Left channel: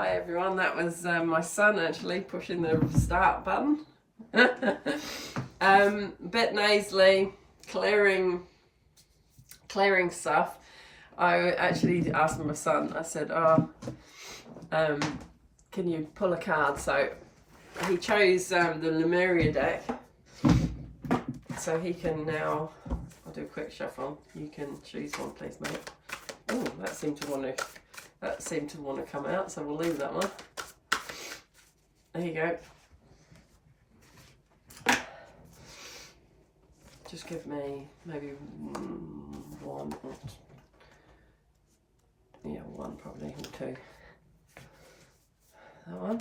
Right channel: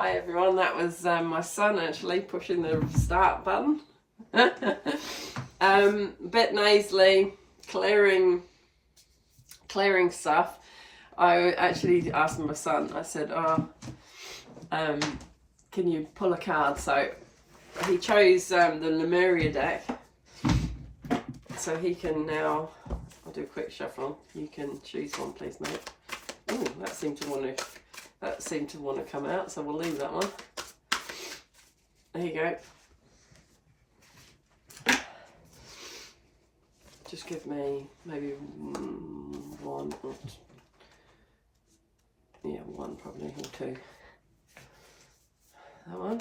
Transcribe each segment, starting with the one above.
Hi everyone, that was my son actually pushing the start button. Bit nasally, clearing stuff. I actually asked my son, I said, can you pull a card? So he chose the Lemuria deck. So he can now, I'll do a quick shuffle. You can choose one please, mate. Oh, that seemed to want to come out, so we'll leave that one. There you go. Just give me maybe one, yeah, one probably, or two. That one.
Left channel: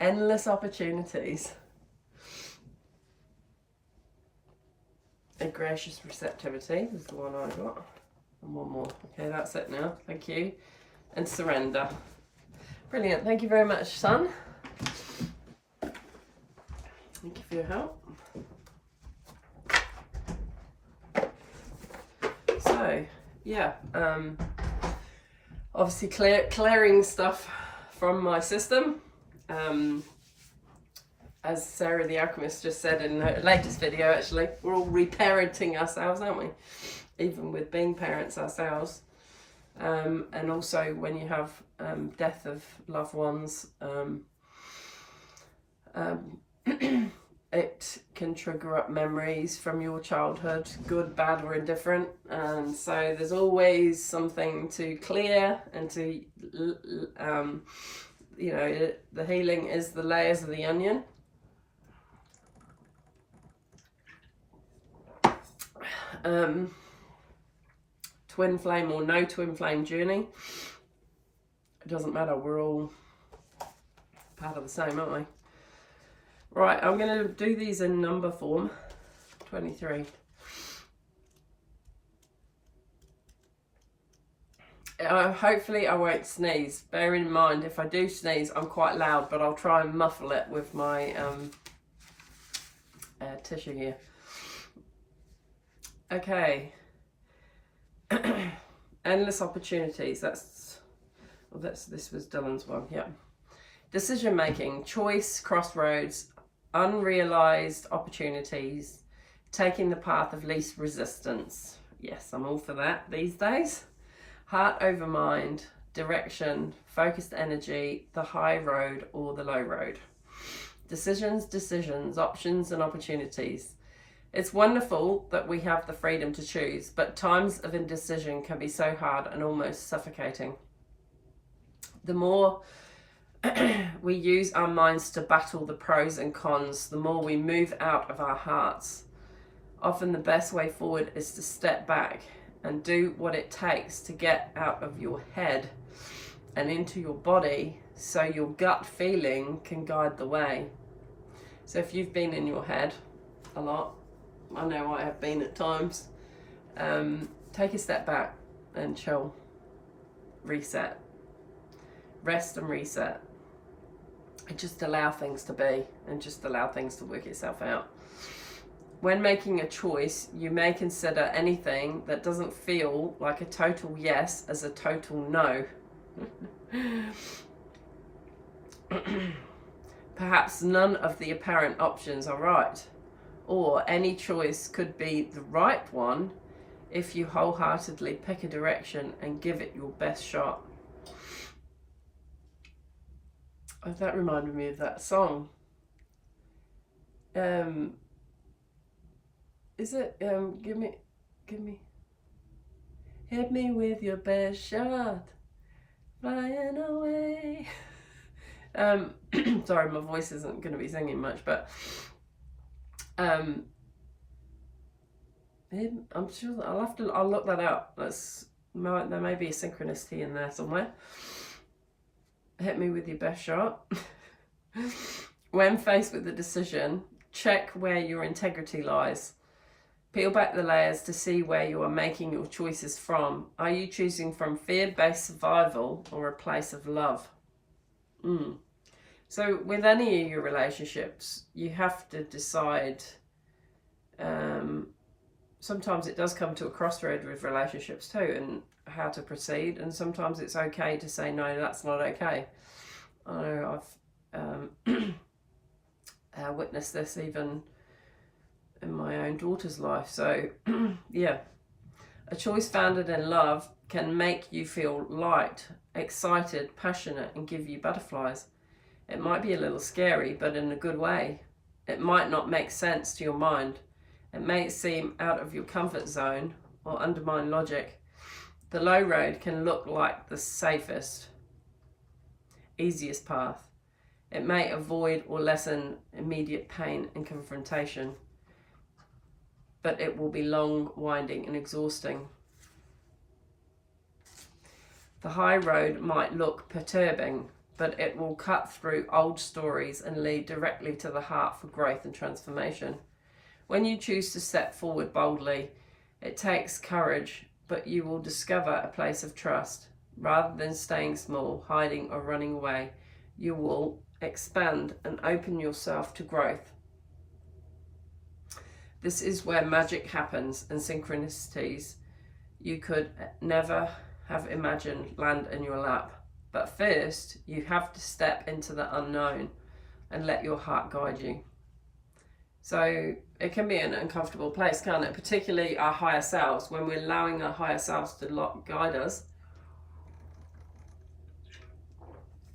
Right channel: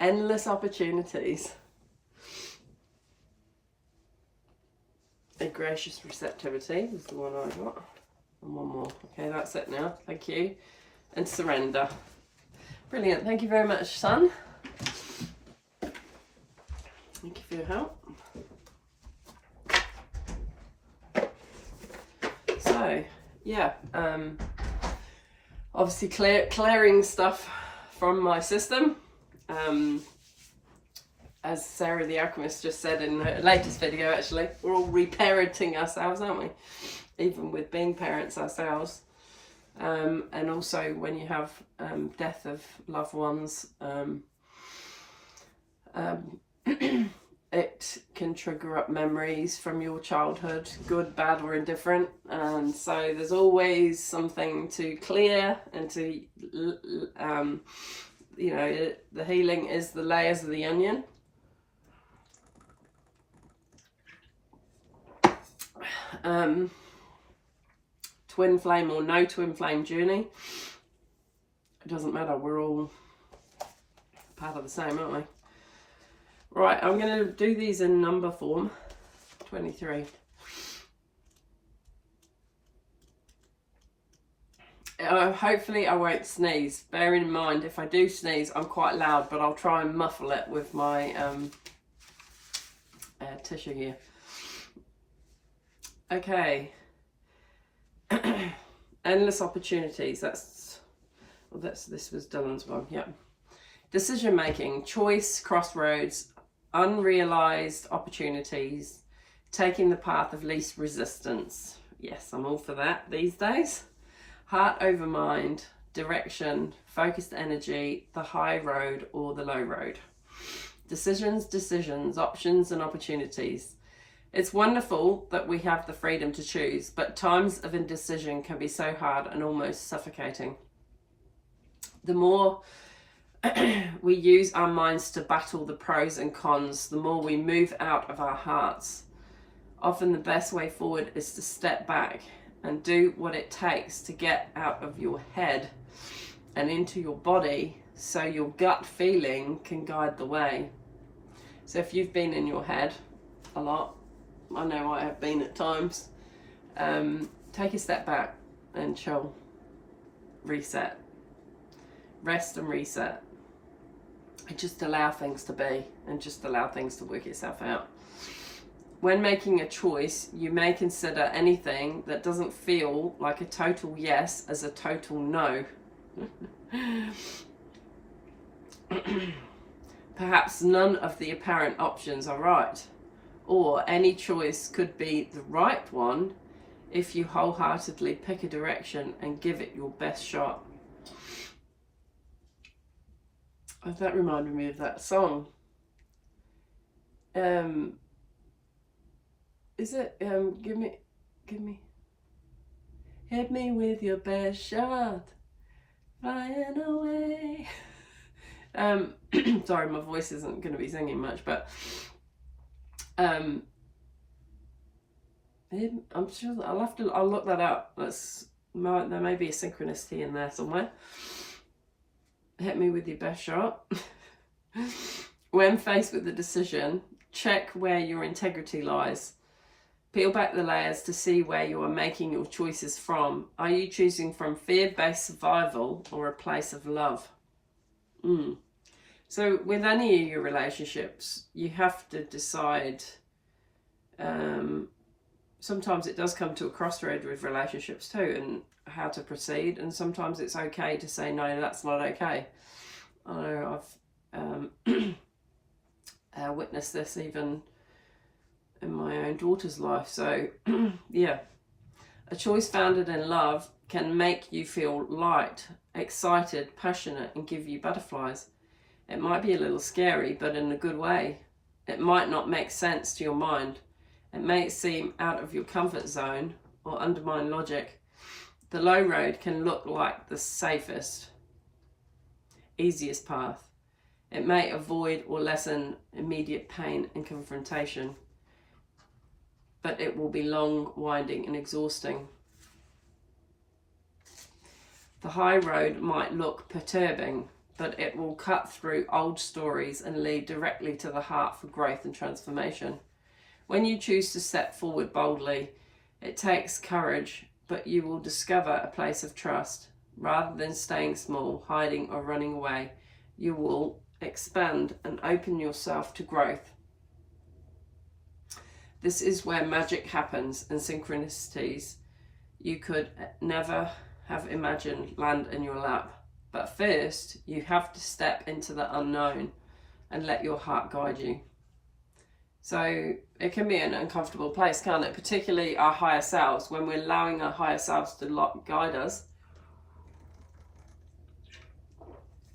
Endless opportunities. A gracious receptivity was the one I got. And one more. Okay, that's it now. Thank you. And surrender. Brilliant. Thank you very much, son. Thank you for your help. So, yeah, obviously clearing stuff from my system. As Sarah the Alchemist just said in her latest video, actually, we're all reparenting ourselves, aren't we? Even with being parents ourselves. And also when you have death of loved ones, it can trigger up memories from your childhood, good, bad, or indifferent. And so there's always something to clear and to, you know, the healing is the layers of the onion. Twin flame or no twin flame journey, it doesn't matter, we're all part of the same, aren't we? Right, I'm going to do these in number form. 23. Hopefully I won't sneeze. Bear in mind, if I do sneeze, I'm quite loud, but I'll try and muffle it with my tissue here. Okay. Endless opportunities. This was Dylan's one. Yep. Decision making, choice, crossroads, unrealized opportunities, taking the path of least resistance. Yes, I'm all for that these days. Heart over mind, direction, focused energy, the high road or the low road. Decisions, options and opportunities. It's wonderful that we have the freedom to choose, but times of indecision can be so hard and almost suffocating. The more we use our minds to battle the pros and cons, the more we move out of our hearts. Often the best way forward is to step back and do what it takes to get out of your head and into your body so your gut feeling can guide the way. So if you've been in your head a lot, I know I have been at times, take a step back and chill, reset, rest and reset, and just allow things to be and just allow things to work itself out. When making a choice, you may consider anything that doesn't feel like a total yes as a total no. Perhaps none of the apparent options are right, or any choice could be the right one if you wholeheartedly pick a direction and give it your best shot. Oh, that reminded me of that song. Is it give me hit me with your best shot, flying away. Sorry, my voice isn't going to be singing much, but I'm sure that I'll look that up. There may be a synchronicity in there somewhere. Hit me with your best shot. When faced with a decision, check where your integrity lies. Peel back the layers to see where you are making your choices from. Are you choosing from fear-based survival or a place of love? So with any of your relationships, you have to decide. Sometimes it does come to a crossroad with relationships too, how to proceed, and sometimes it's okay to say no, that's not okay. I know I've witnessed this even in my own daughter's life. So yeah, a choice founded in love can make you feel light, excited, passionate, and give you butterflies. It might be a little scary, but in a good way. It might not make sense to your mind. It may seem out of your comfort zone or undermine logic. The low road can look like the safest, easiest path. It may avoid or lessen immediate pain and confrontation, but it will be long, winding, and exhausting. The high road might look perturbing, but it will cut through old stories and lead directly to the heart for growth and transformation. When you choose to step forward boldly, it takes courage, but you will discover a place of trust. Rather than staying small, hiding, or running away, you will expand and open yourself to growth. This is where magic happens, and synchronicities you could never have imagined land in your lap. But first, you have to step into the unknown and let your heart guide you. So it can be an uncomfortable place, can't it? Particularly our higher selves, when we're allowing our higher selves to guide us,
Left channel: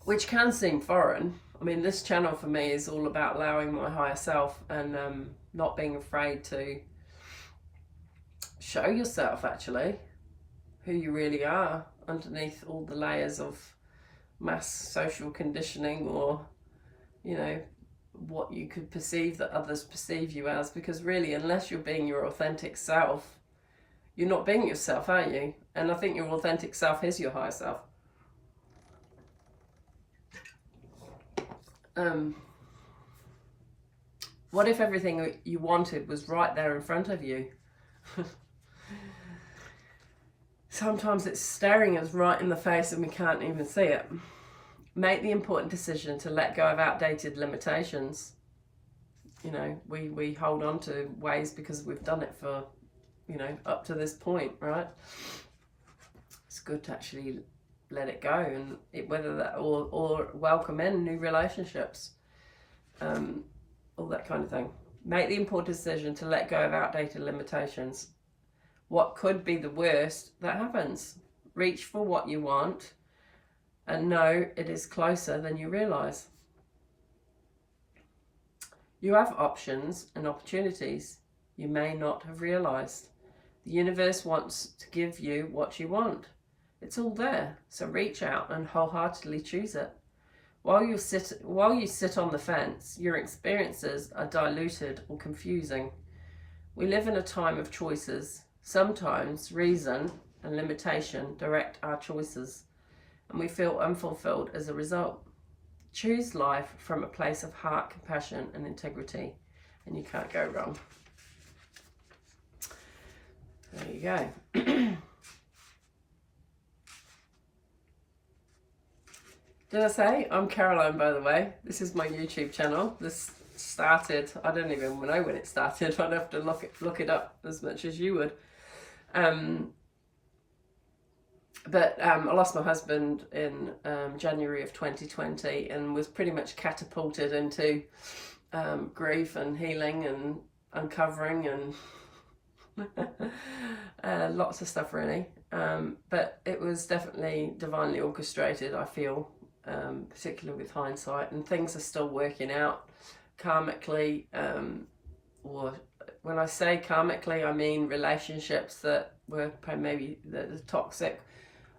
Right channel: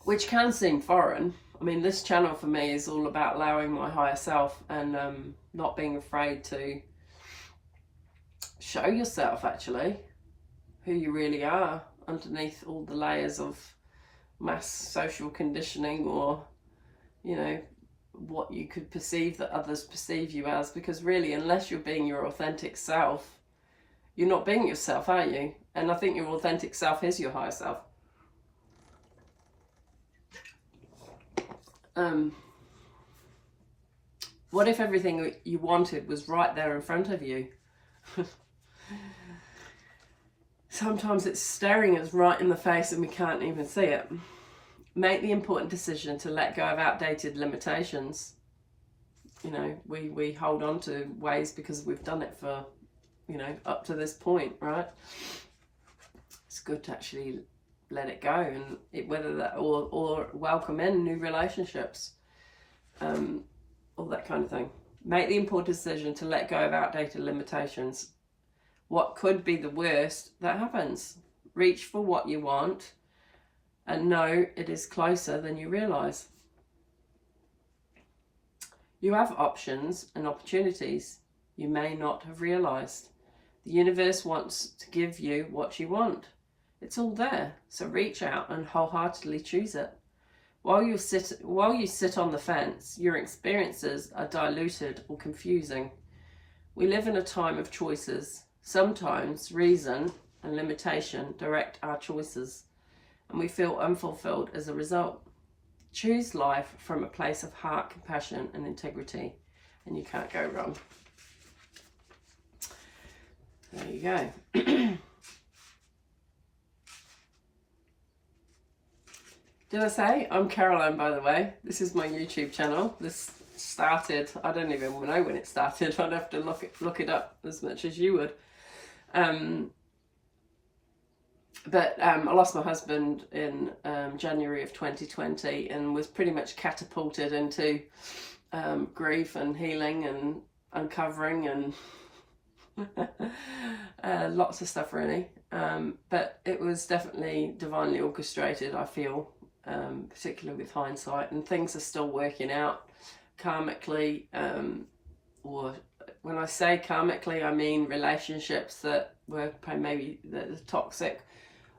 which can seem foreign. I mean, this channel for me is all about allowing my higher self and not being afraid to show yourself actually who you really are underneath all the layers of mass social conditioning, or, you know, what you could perceive that others perceive you as. Because really, unless you're being your authentic self, you're not being yourself, are you? And I think your authentic self is your higher self. What if everything you wanted was right there in front of you? Sometimes it's staring us right in the face and we can't even see it. Make the important decision to let go of outdated limitations. You know, we hold on to ways because we've done it for, you know, up to this point, right? It's good to actually let it go, and whether that or welcome in new relationships, all that kind of thing. Make the important decision to let go of outdated limitations. What could be the worst that happens? Reach for what you want and know it is closer than you realize. You have options and opportunities you may not have realized. The universe wants to give you what you want. It's all there, so reach out and wholeheartedly choose it. While you sit on the fence, your experiences are diluted or confusing. We live in a time of choices. Sometimes reason and limitation direct our choices, and we feel unfulfilled as a result. Choose life from a place of heart, compassion, and integrity, and you can't go wrong. There you go. Did I say? I'm Caroline, by the way. This is my YouTube channel. This started, I don't even know when it started. I'd have to look it up as much as you would. But I lost my husband in January of 2020 and was pretty much catapulted into grief and healing and uncovering and lots of stuff really. But it was definitely divinely orchestrated, I feel. Particularly with hindsight, and things are still working out karmically, or when I say karmically, I mean relationships that were maybe the toxic,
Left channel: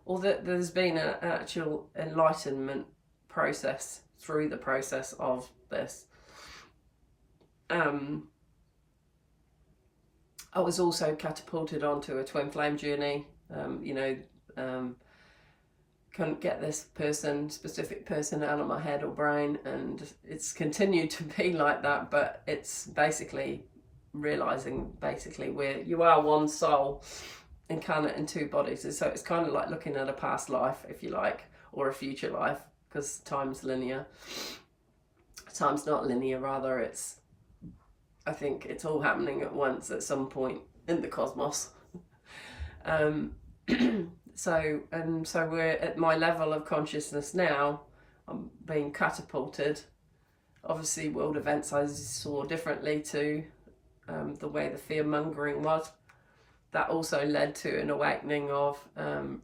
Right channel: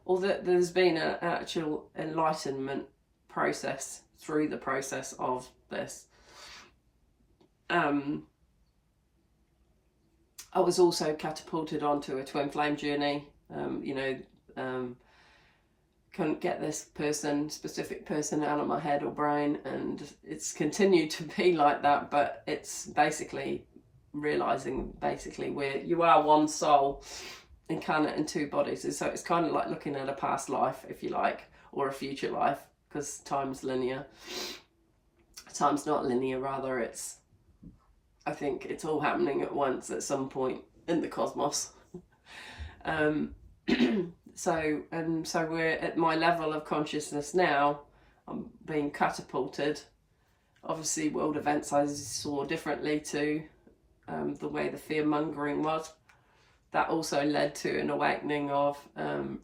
or that there's been an actual enlightenment process through the process of this. I was also catapulted onto a twin flame journey. Couldn't get this specific person out of my head or brain, and it's continued to be like that, but it's basically realizing where you are one soul incarnate in two bodies. And so it's kind of like looking at a past life, if you like, or a future life, because time's linear. Time's not linear, rather I think it's all happening at once at some point in the cosmos. So we're at my level of consciousness now. I'm being catapulted. Obviously, world events I saw differently to the way the fear-mongering was. That also led to an awakening of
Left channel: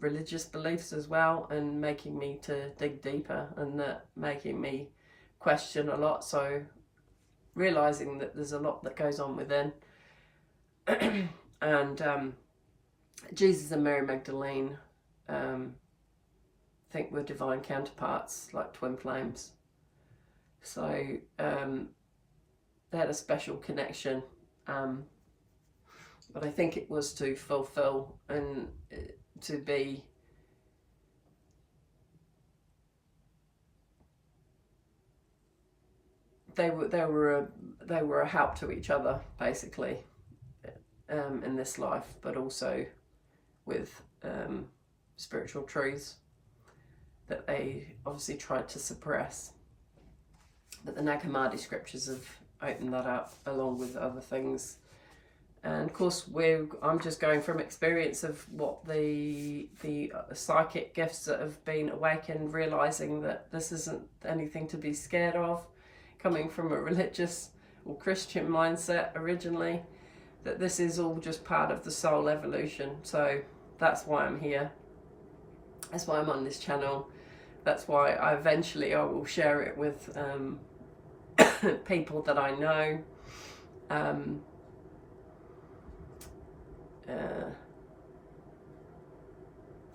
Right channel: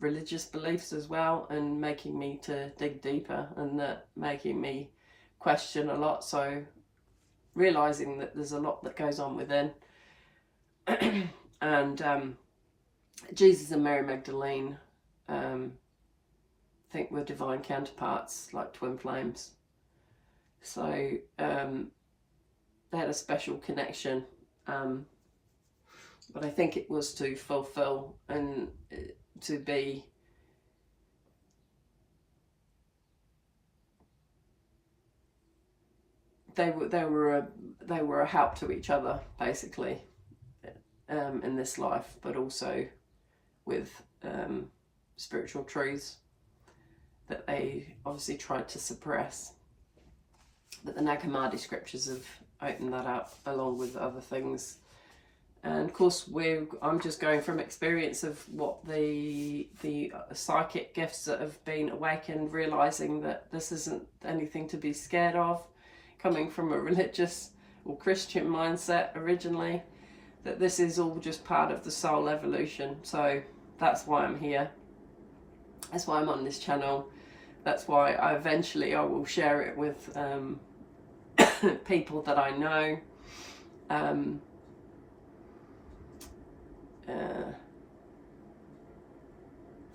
religious beliefs as well, and making me to dig deeper, and making me question a lot. So realizing that there's a lot that goes on within. And Jesus and Mary Magdalene think we're divine counterparts, like twin flames. So they had a special connection, but I think it was to fulfill and to be they were a help to each other, basically, in this life, but also with spiritual truths that they obviously tried to suppress. But the Nag Hammadi scriptures have opened that up, along with other things. And of course, I'm just going from experience of what the psychic gifts that have been awakened, realizing that this isn't anything to be scared of, coming from a religious or Christian mindset originally, that this is all just part of the soul evolution. So that's why I'm here. That's why I'm on this channel. That's why I will share it with people that I know,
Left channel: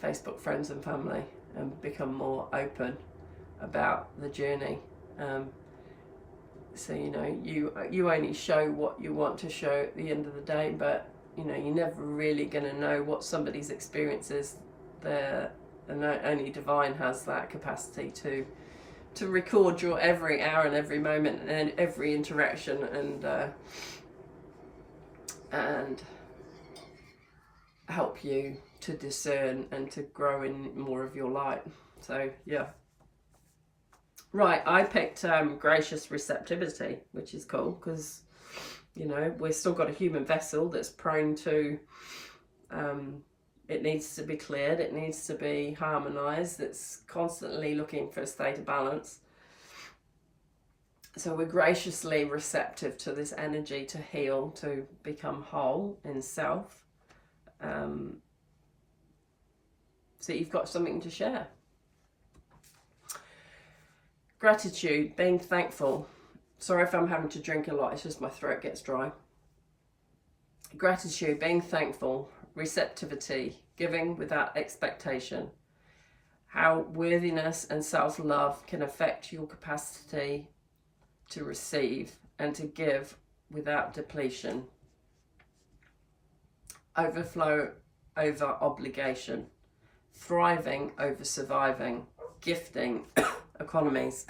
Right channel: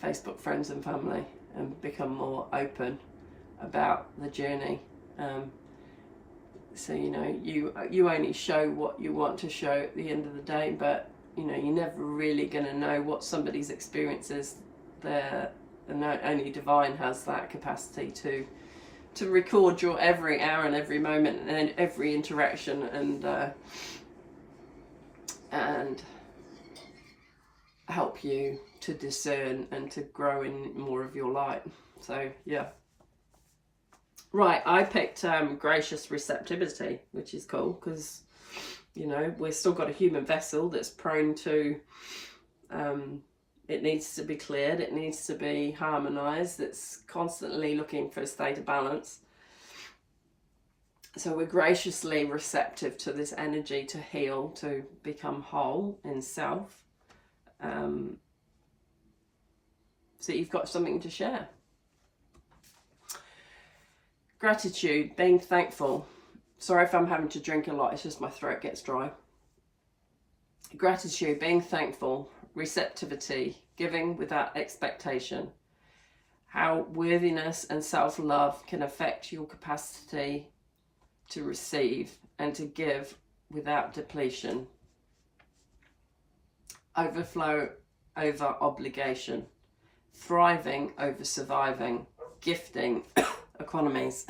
Facebook friends and family, and become more open about the journey. So you only show what you want to show at the end of the day, but you're never really going to know what somebody's experience is. And only divine has that capacity to record your every hour and every moment and every interaction, and help you to discern and to grow in more of your light. So yeah. Right, I picked gracious receptivity, which is cool, because we've still got a human vessel that's prone to it needs to be cleared, it needs to be harmonized, it's constantly looking for a state of balance. So we're graciously receptive to this energy to heal, to become whole in self. So you've got something to share. Gratitude, being thankful. Sorry if I'm having to drink a lot, it's just my throat gets dry. Gratitude, being thankful. Receptivity, giving without expectation. How worthiness and self-love can affect your capacity to receive and to give without depletion. Overflow over obligation. Thriving over surviving. Gifting economies.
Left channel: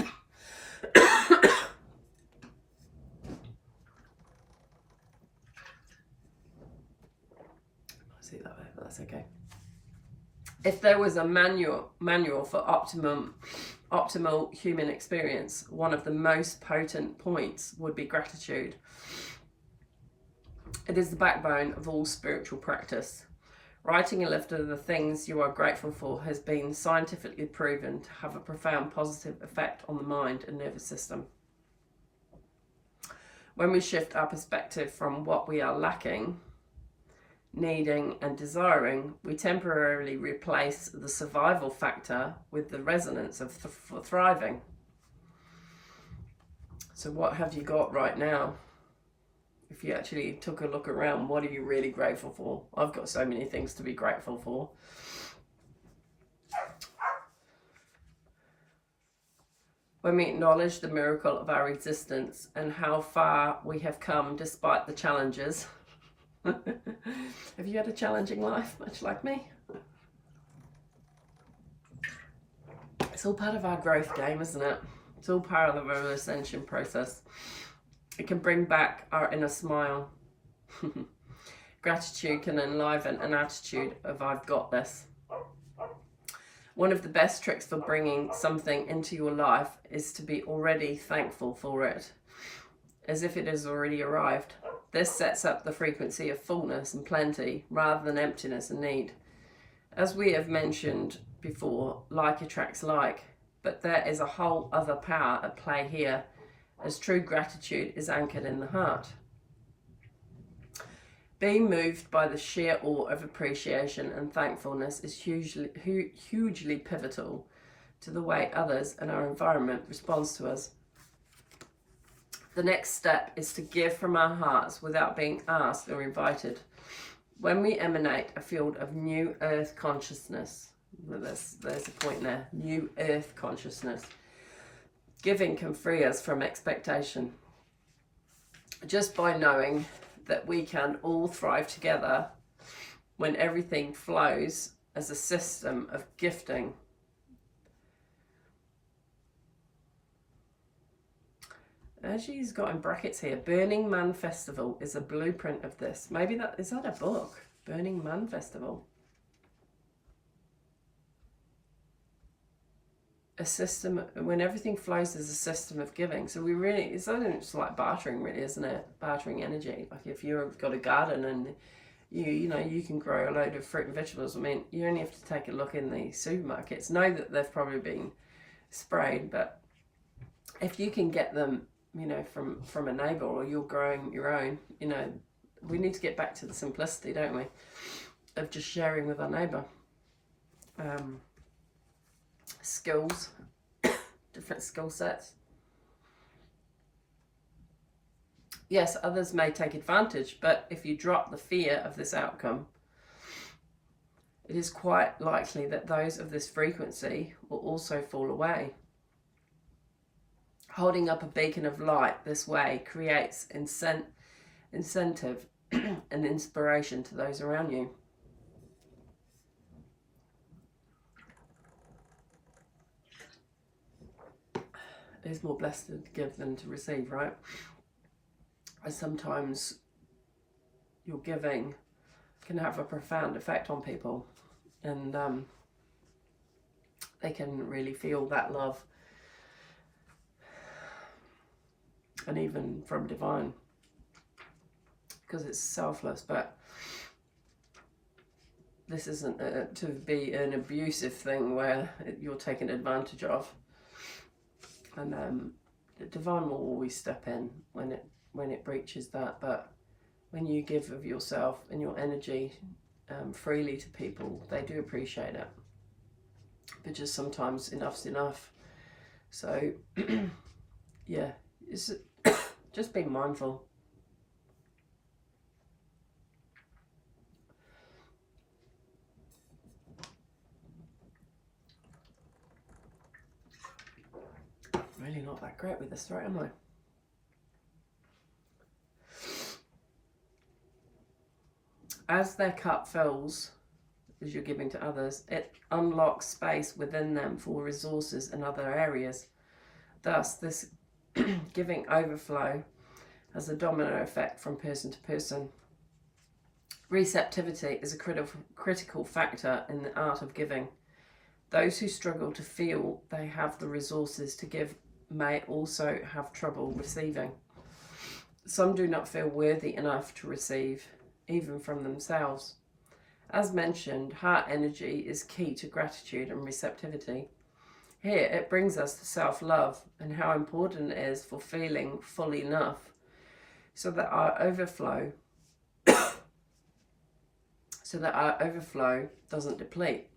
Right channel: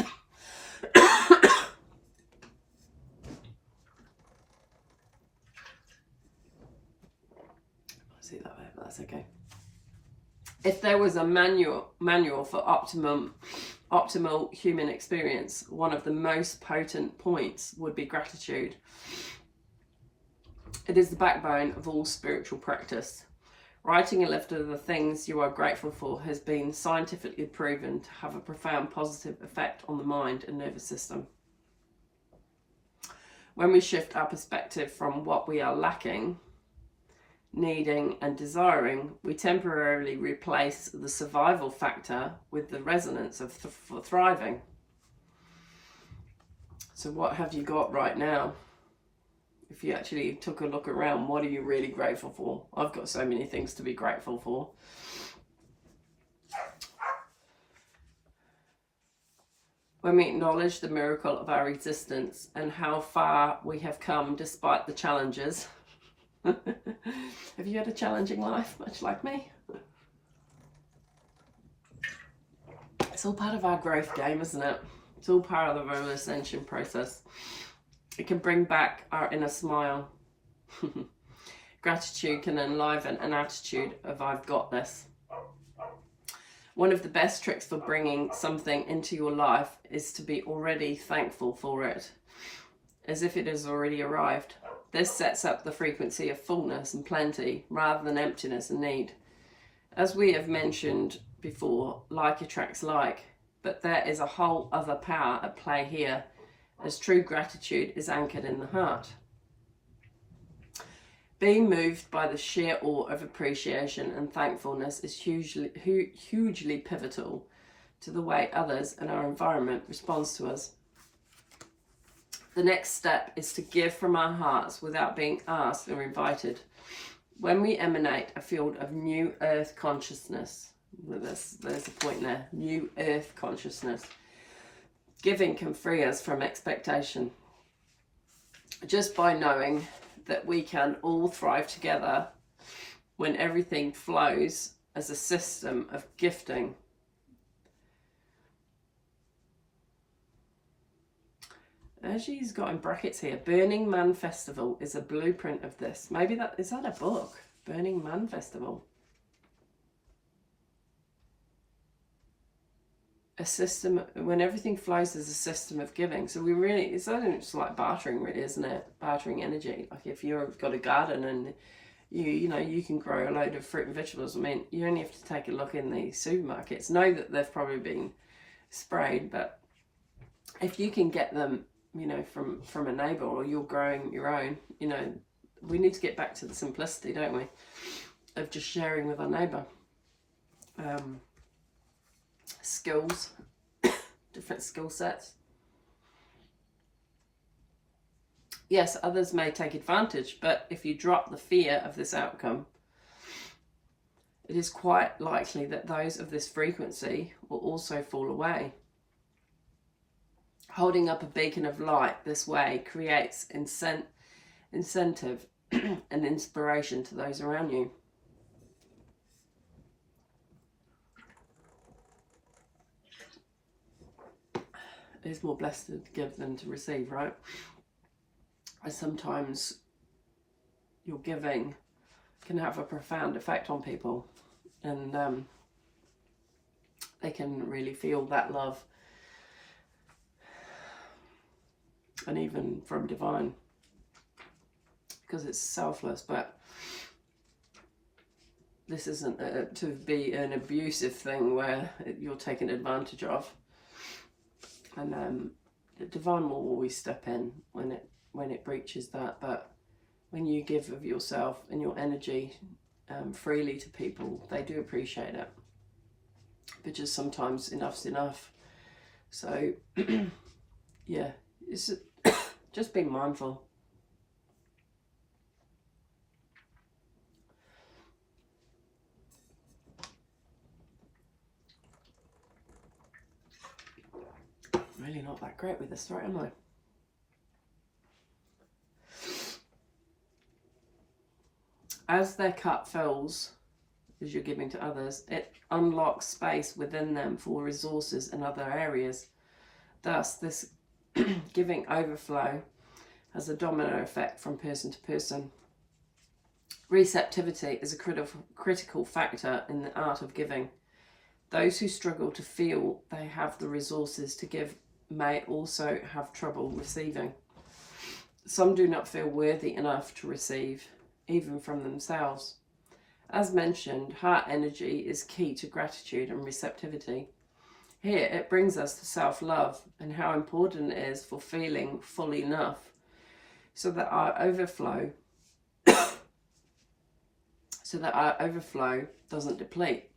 See that way, but that's okay. If there was a manual for optimal human experience, one of the most potent points would be gratitude. It is the backbone of all spiritual practice. Writing a list of the things you are grateful for has been scientifically proven to have a profound positive effect on the mind and nervous system. When we shift our perspective from what we are lacking, needing and desiring, we temporarily replace the survival factor with the resonance of thriving. So what have you got right now? If you actually took a look around, what are you really grateful for? I've got so many things to be grateful for. When we acknowledge the miracle of our existence and how far we have come despite the challenges. Have you had a challenging life, much like me? It's all part of our growth game, isn't it? It's all part of our ascension process. It can bring back our inner smile. Gratitude can enliven an attitude of I've got this. One of the best tricks for bringing something into your life is to be already thankful for it, as if it has already arrived. This sets up the frequency of fullness and plenty rather than emptiness and need. As we have mentioned before, like attracts like, but there is a whole other power at play here, as true gratitude is anchored in the heart. Being moved by the sheer awe of appreciation and thankfulness is hugely pivotal to the way others and our environment responds to us. The next step is to give from our hearts without being asked or invited. When we emanate a field of new earth consciousness, there's a point there, new earth consciousness, giving can free us from expectation. Just by knowing that we can all thrive together when everything flows as a system of gifting. As she's got in brackets here, Burning Man Festival is a blueprint of this. Maybe is that a book? Burning Man Festival. A system, when everything flows as a system of giving. So we really, it's like bartering really, isn't it? Bartering energy. Like if you've got a garden and you can grow a load of fruit and vegetables. I mean, you only have to take a look in the supermarkets. Know that they've probably been sprayed, but if you can get them, from a neighbour, or you're growing your own, we need to get back to the simplicity, don't we, of just sharing with our neighbour. Skills, different skill sets. Yes, others may take advantage, but if you drop the fear of this outcome, it is quite likely that those of this frequency will also fall away. Holding up a beacon of light this way creates incentive and inspiration to those around you. It is more blessed to give than to receive, right? And sometimes your giving can have a profound effect on people, and they can really feel that love. And even from divine, because it's selfless. But this isn't to be an abusive thing where you're taken advantage of. And the divine will always step in when it breaches that. But when you give of yourself and your energy freely to people, they do appreciate it. But just sometimes enough's enough. So yeah, it's just being mindful. Really not that great with this throat, am I? As their cup fills, as you're giving to others, it unlocks space within them for resources in other areas. Thus, this giving overflow has a domino effect from person to person. Receptivity is a critical factor in the art of giving. Those who struggle to feel they have the resources to give may also have trouble receiving. Some do not feel worthy enough to receive, even from themselves. As mentioned, heart energy is key to gratitude and receptivity. Here it brings us to self-love and how important it is for feeling fully enough so that our overflow doesn't deplete.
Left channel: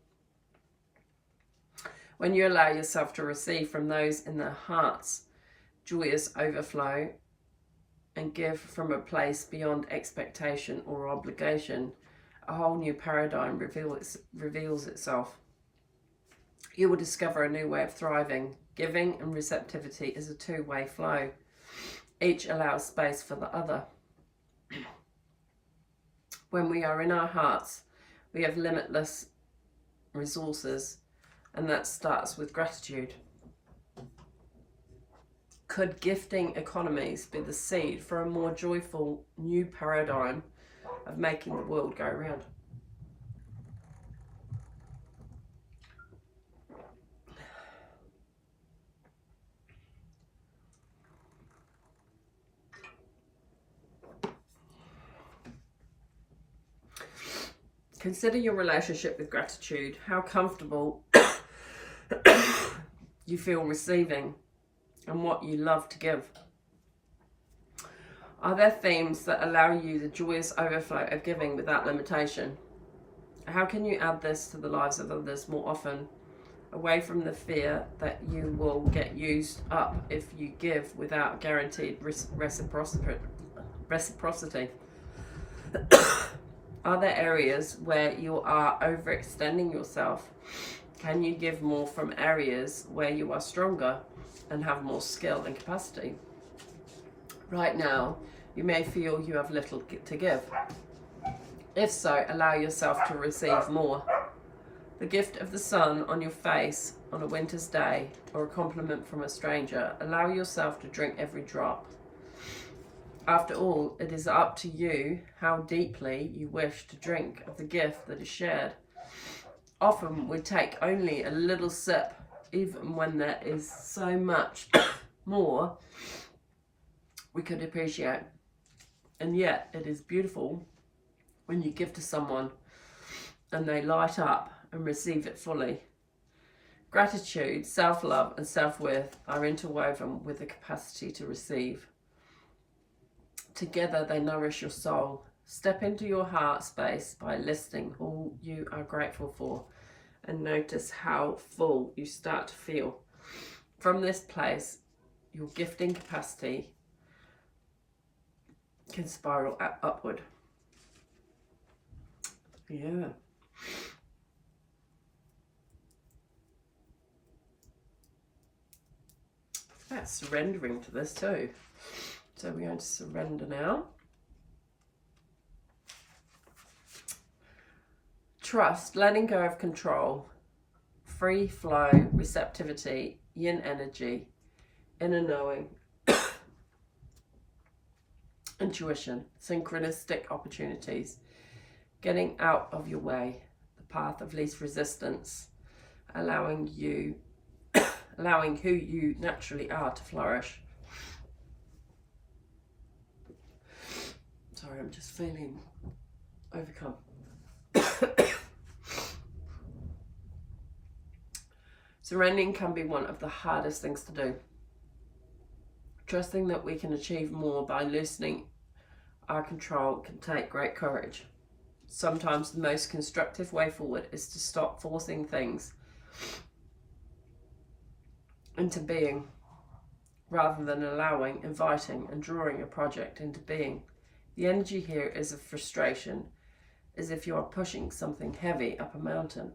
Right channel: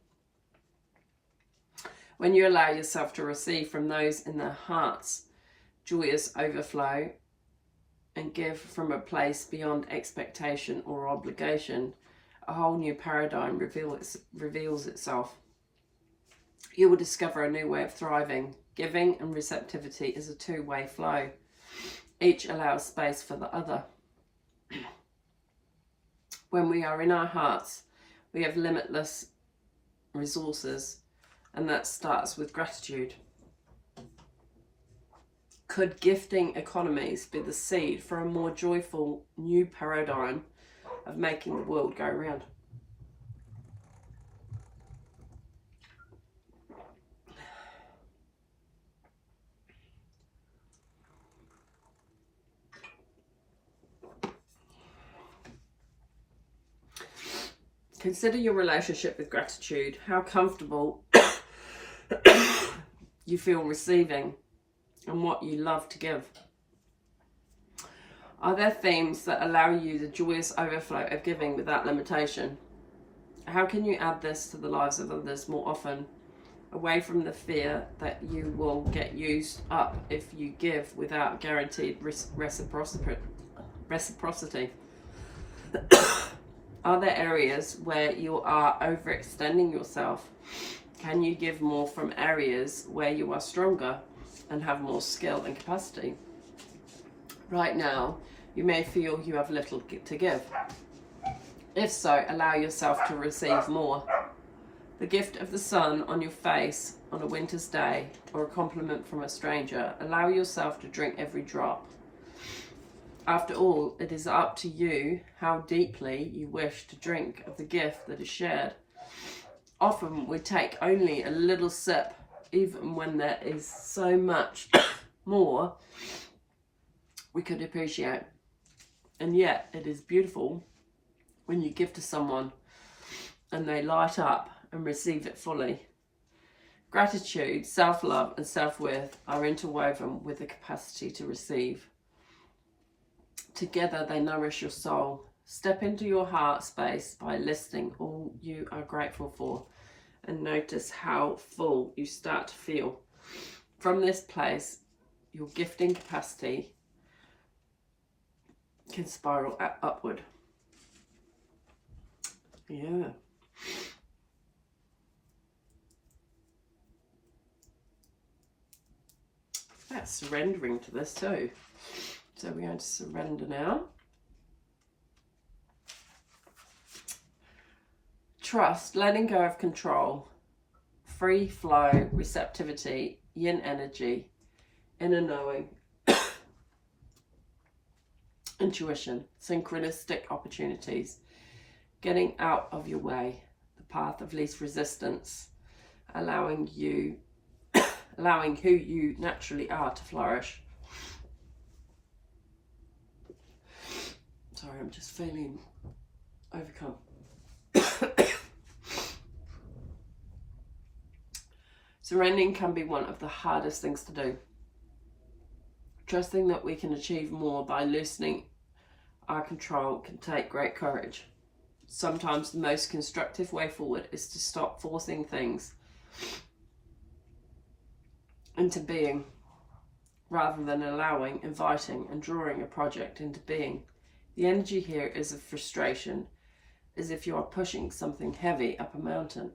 When you allow yourself to receive from those in their hearts joyous overflow and give from a place beyond expectation or obligation, a whole new paradigm reveals itself. You will discover a new way of thriving. Giving and receptivity is a two-way flow. Each allows space for the other. When we are in our hearts, we have limitless resources, and that starts with gratitude. Could gifting economies be the seed for a more joyful new paradigm of making the world go round? Consider your relationship with gratitude, how comfortable you feel receiving, and what you love to give. Are there themes that allow you the joyous overflow of giving without limitation? How can you add this to the lives of others more often, away from the fear that you will get used up if you give without guaranteed reciprocity? Are there areas where you are overextending yourself? Can you give more from areas where you are stronger and have more skill and capacity? Right now, you may feel you have little to give. If so, allow yourself to receive more. The gift of the sun on your face on a winter's day, or a compliment from a stranger, allow yourself to drink every drop. After all, it is up to you how deeply you wish to drink of the gift that is shared. Often we take only a little sip, even when there is so much more we could appreciate. And yet it is beautiful when you give to someone and they light up and receive it fully. Gratitude, self-love and self-worth are interwoven with the capacity to receive. Together they nourish your soul. Step into your heart space by listing all you are grateful for and notice how full you start to feel. From this place, your gifting capacity can spiral upward. Yeah. It's about surrendering to this too. So we're going to surrender now. Trust, letting go of control, free flow, receptivity, yin energy, inner knowing, intuition, synchronistic opportunities, getting out of your way, the path of least resistance, allowing who you naturally are to flourish. Sorry, I'm just feeling overcome. Surrendering can be one of the hardest things to do. Trusting that we can achieve more by loosening our control can take great courage. Sometimes the most constructive way forward is to stop forcing things into being, rather than allowing, inviting and drawing a project into being. The energy here is of frustration, as if you are pushing something heavy up a mountain.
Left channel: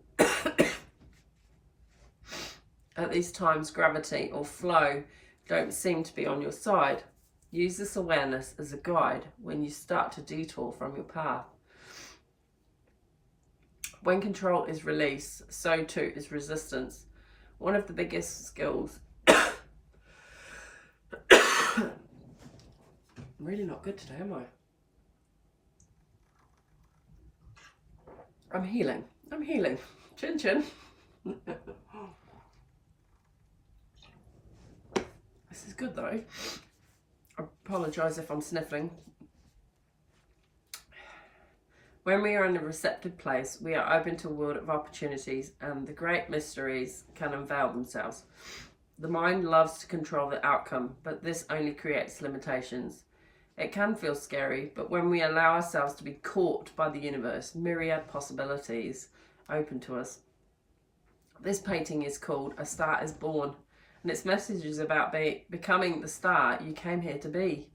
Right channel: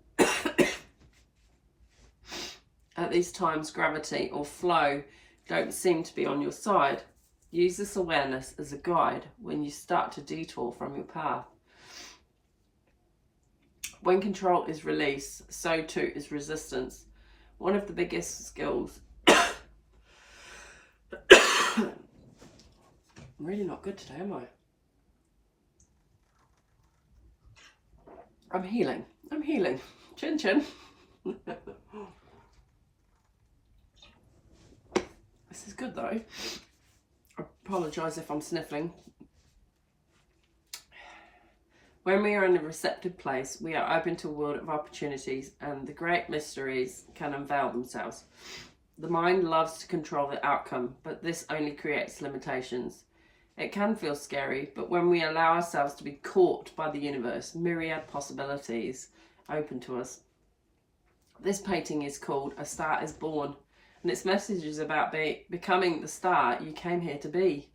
At these times, gravity or flow don't seem to be on your side. Use this awareness as a guide when you start to detour from your path. When control is released, so too is resistance. One of the biggest skills. I'm really not good today, am I? I'm healing. Chin chin. This is good though. I apologise if I'm sniffling. When we are in a receptive place, we are open to a world of opportunities and the great mysteries can unveil themselves. The mind loves to control the outcome, but this only creates limitations. It can feel scary, but when we allow ourselves to be caught by the universe, myriad possibilities open to us. This painting is called A Star is Born, and its message is about becoming the star you came here to be.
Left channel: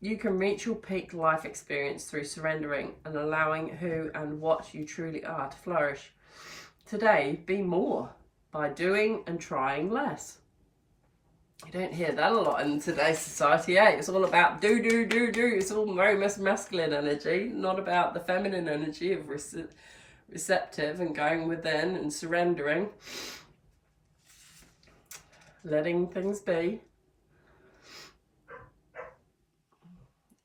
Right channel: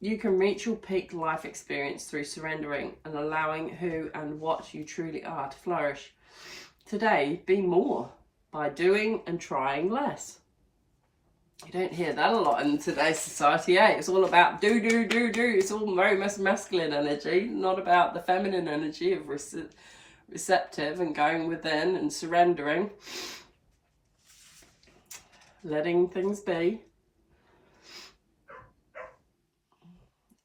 You can reach your peak life experience through surrendering and allowing who and what you truly are to flourish. Today, be more by doing and trying less. You don't hear that a lot in today's society, eh? It's all about do. It's all very masculine energy, not about the feminine energy of receptive and going within and surrendering, letting things be.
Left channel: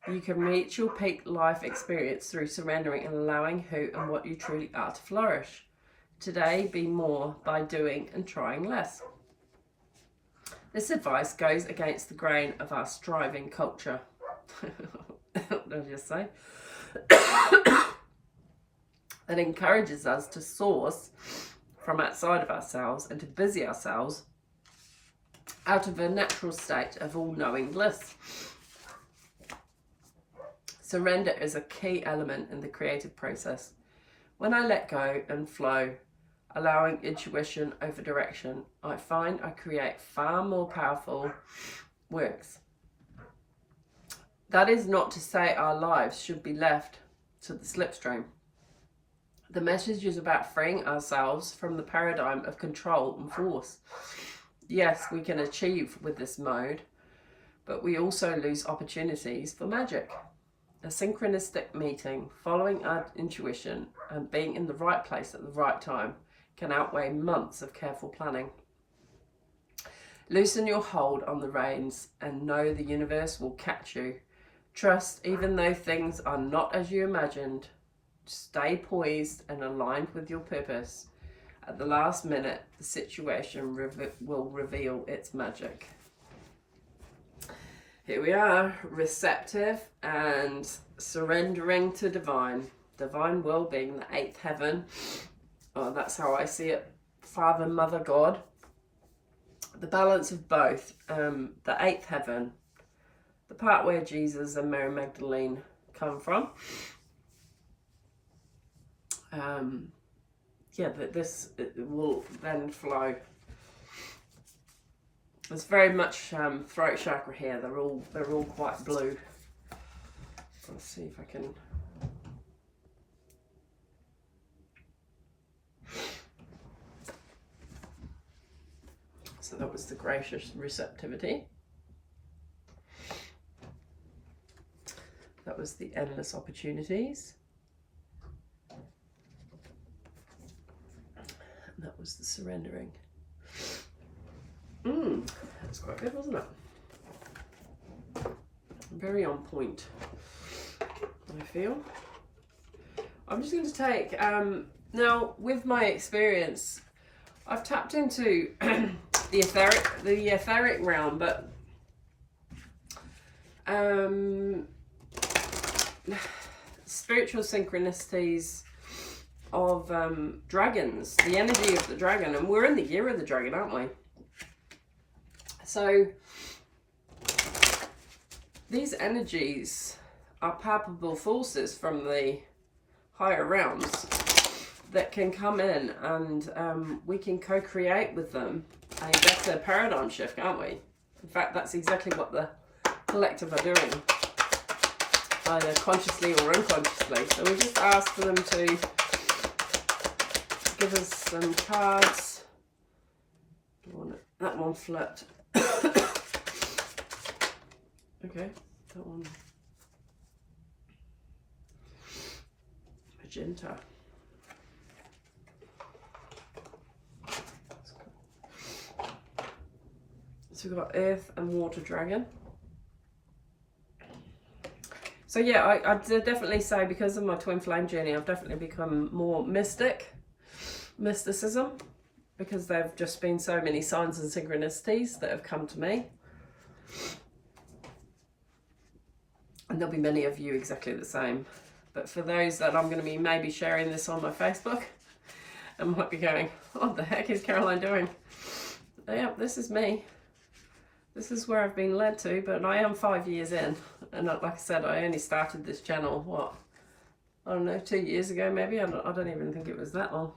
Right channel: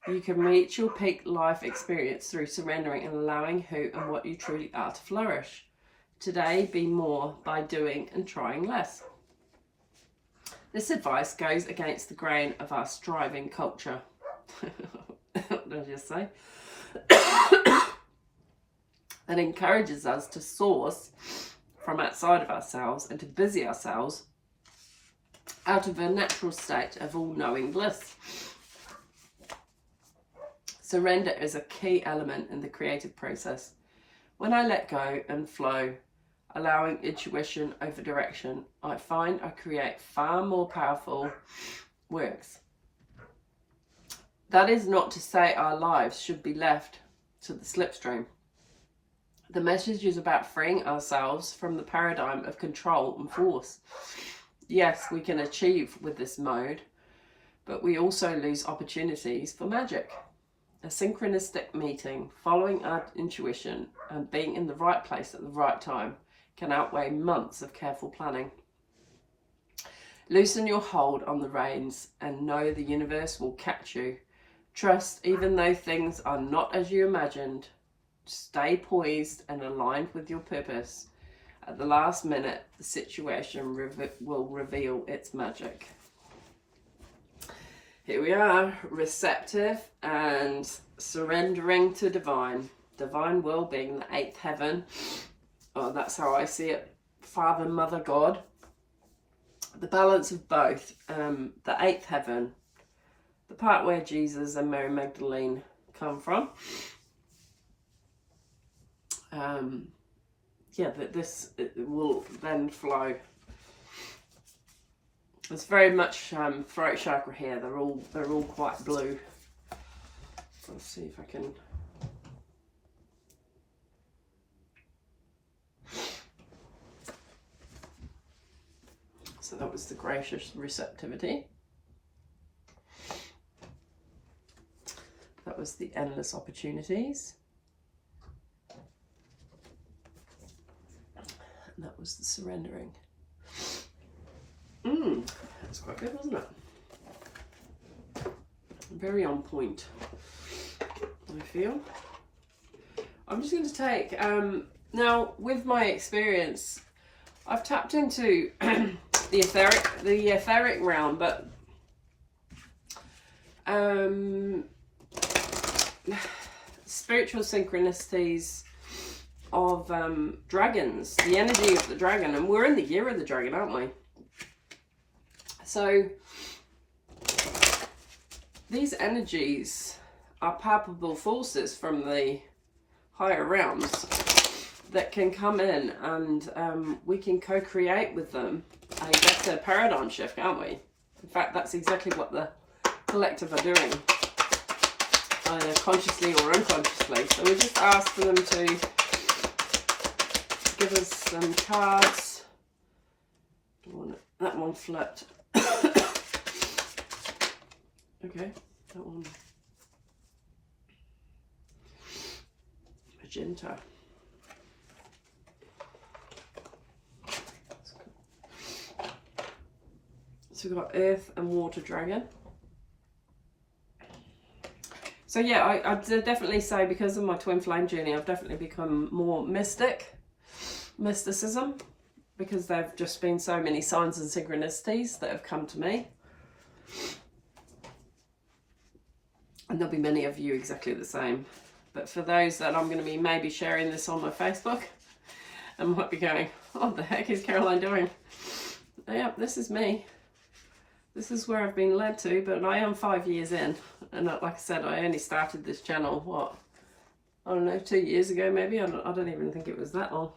You can reach your peak life experience through surrendering and allowing who and what you truly are to flourish. Today, be more by doing and trying less. This advice goes against the grain of our striving culture. What did I just say? that encourages us to source from outside of ourselves and to busy ourselves out of a natural state of all-knowing bliss. Surrender is a key element in the creative process. When I let go and flow, allowing intuition over direction, I find I create far more powerful works. That is not to say our lives should be left to the slipstream. The message is about freeing ourselves from the paradigm of control and force. Yes, we can achieve with this mode, but we also lose opportunities for magic. A synchronistic meeting, following our intuition and being in the right place at the right time can outweigh months of careful planning. Loosen your hold on the reins and know the universe will catch you. Trust, even though things are not as you imagined. Stay poised and aligned with your purpose. At the last minute, the situation will reveal its magic. Here we are, receptive and surrendering to divine. Divine will being the 8th heaven. Oh, that's how I see it. Father, Mother, God. The balance of both. The 8th heaven. The part where Jesus and Mary Magdalene come from. This will then flow. It's very much throat chakra here. They're all quite blue. Let's see if I can. So that was the gracious receptivity. That was the endless opportunities. And that was the surrendering. That's quite good, wasn't it? Very on point, I feel. I'm just going to take, now with my experience, I've tapped into the etheric realm, but spiritual synchronicities of dragons, the energy of the dragon, and we're in the year of the dragon, aren't we? So these energies are palpable forces from the higher realms that can come in, and we can co-create with them a better paradigm shift, can't we? In fact, that's exactly what the collective are doing, either consciously or unconsciously. So we just ask for them to give us some cards. That one flipped. Okay, that one. Magenta. So we've got Earth and Water Dragon. So yeah, I'd definitely say because of my twin flame journey, I've definitely become more mysticism, because there have just been so many signs and synchronicities that have come to me. And there'll be many of you exactly the same. But for those that I'm going to be maybe sharing this on my Facebook, and might be going, what the heck is Caroline doing? Yeah, this is me. This is where I've been led to, but I am 5 years in. And like I said, I only started this channel, what? I don't know, 2 years ago maybe? I don't even think it was that long.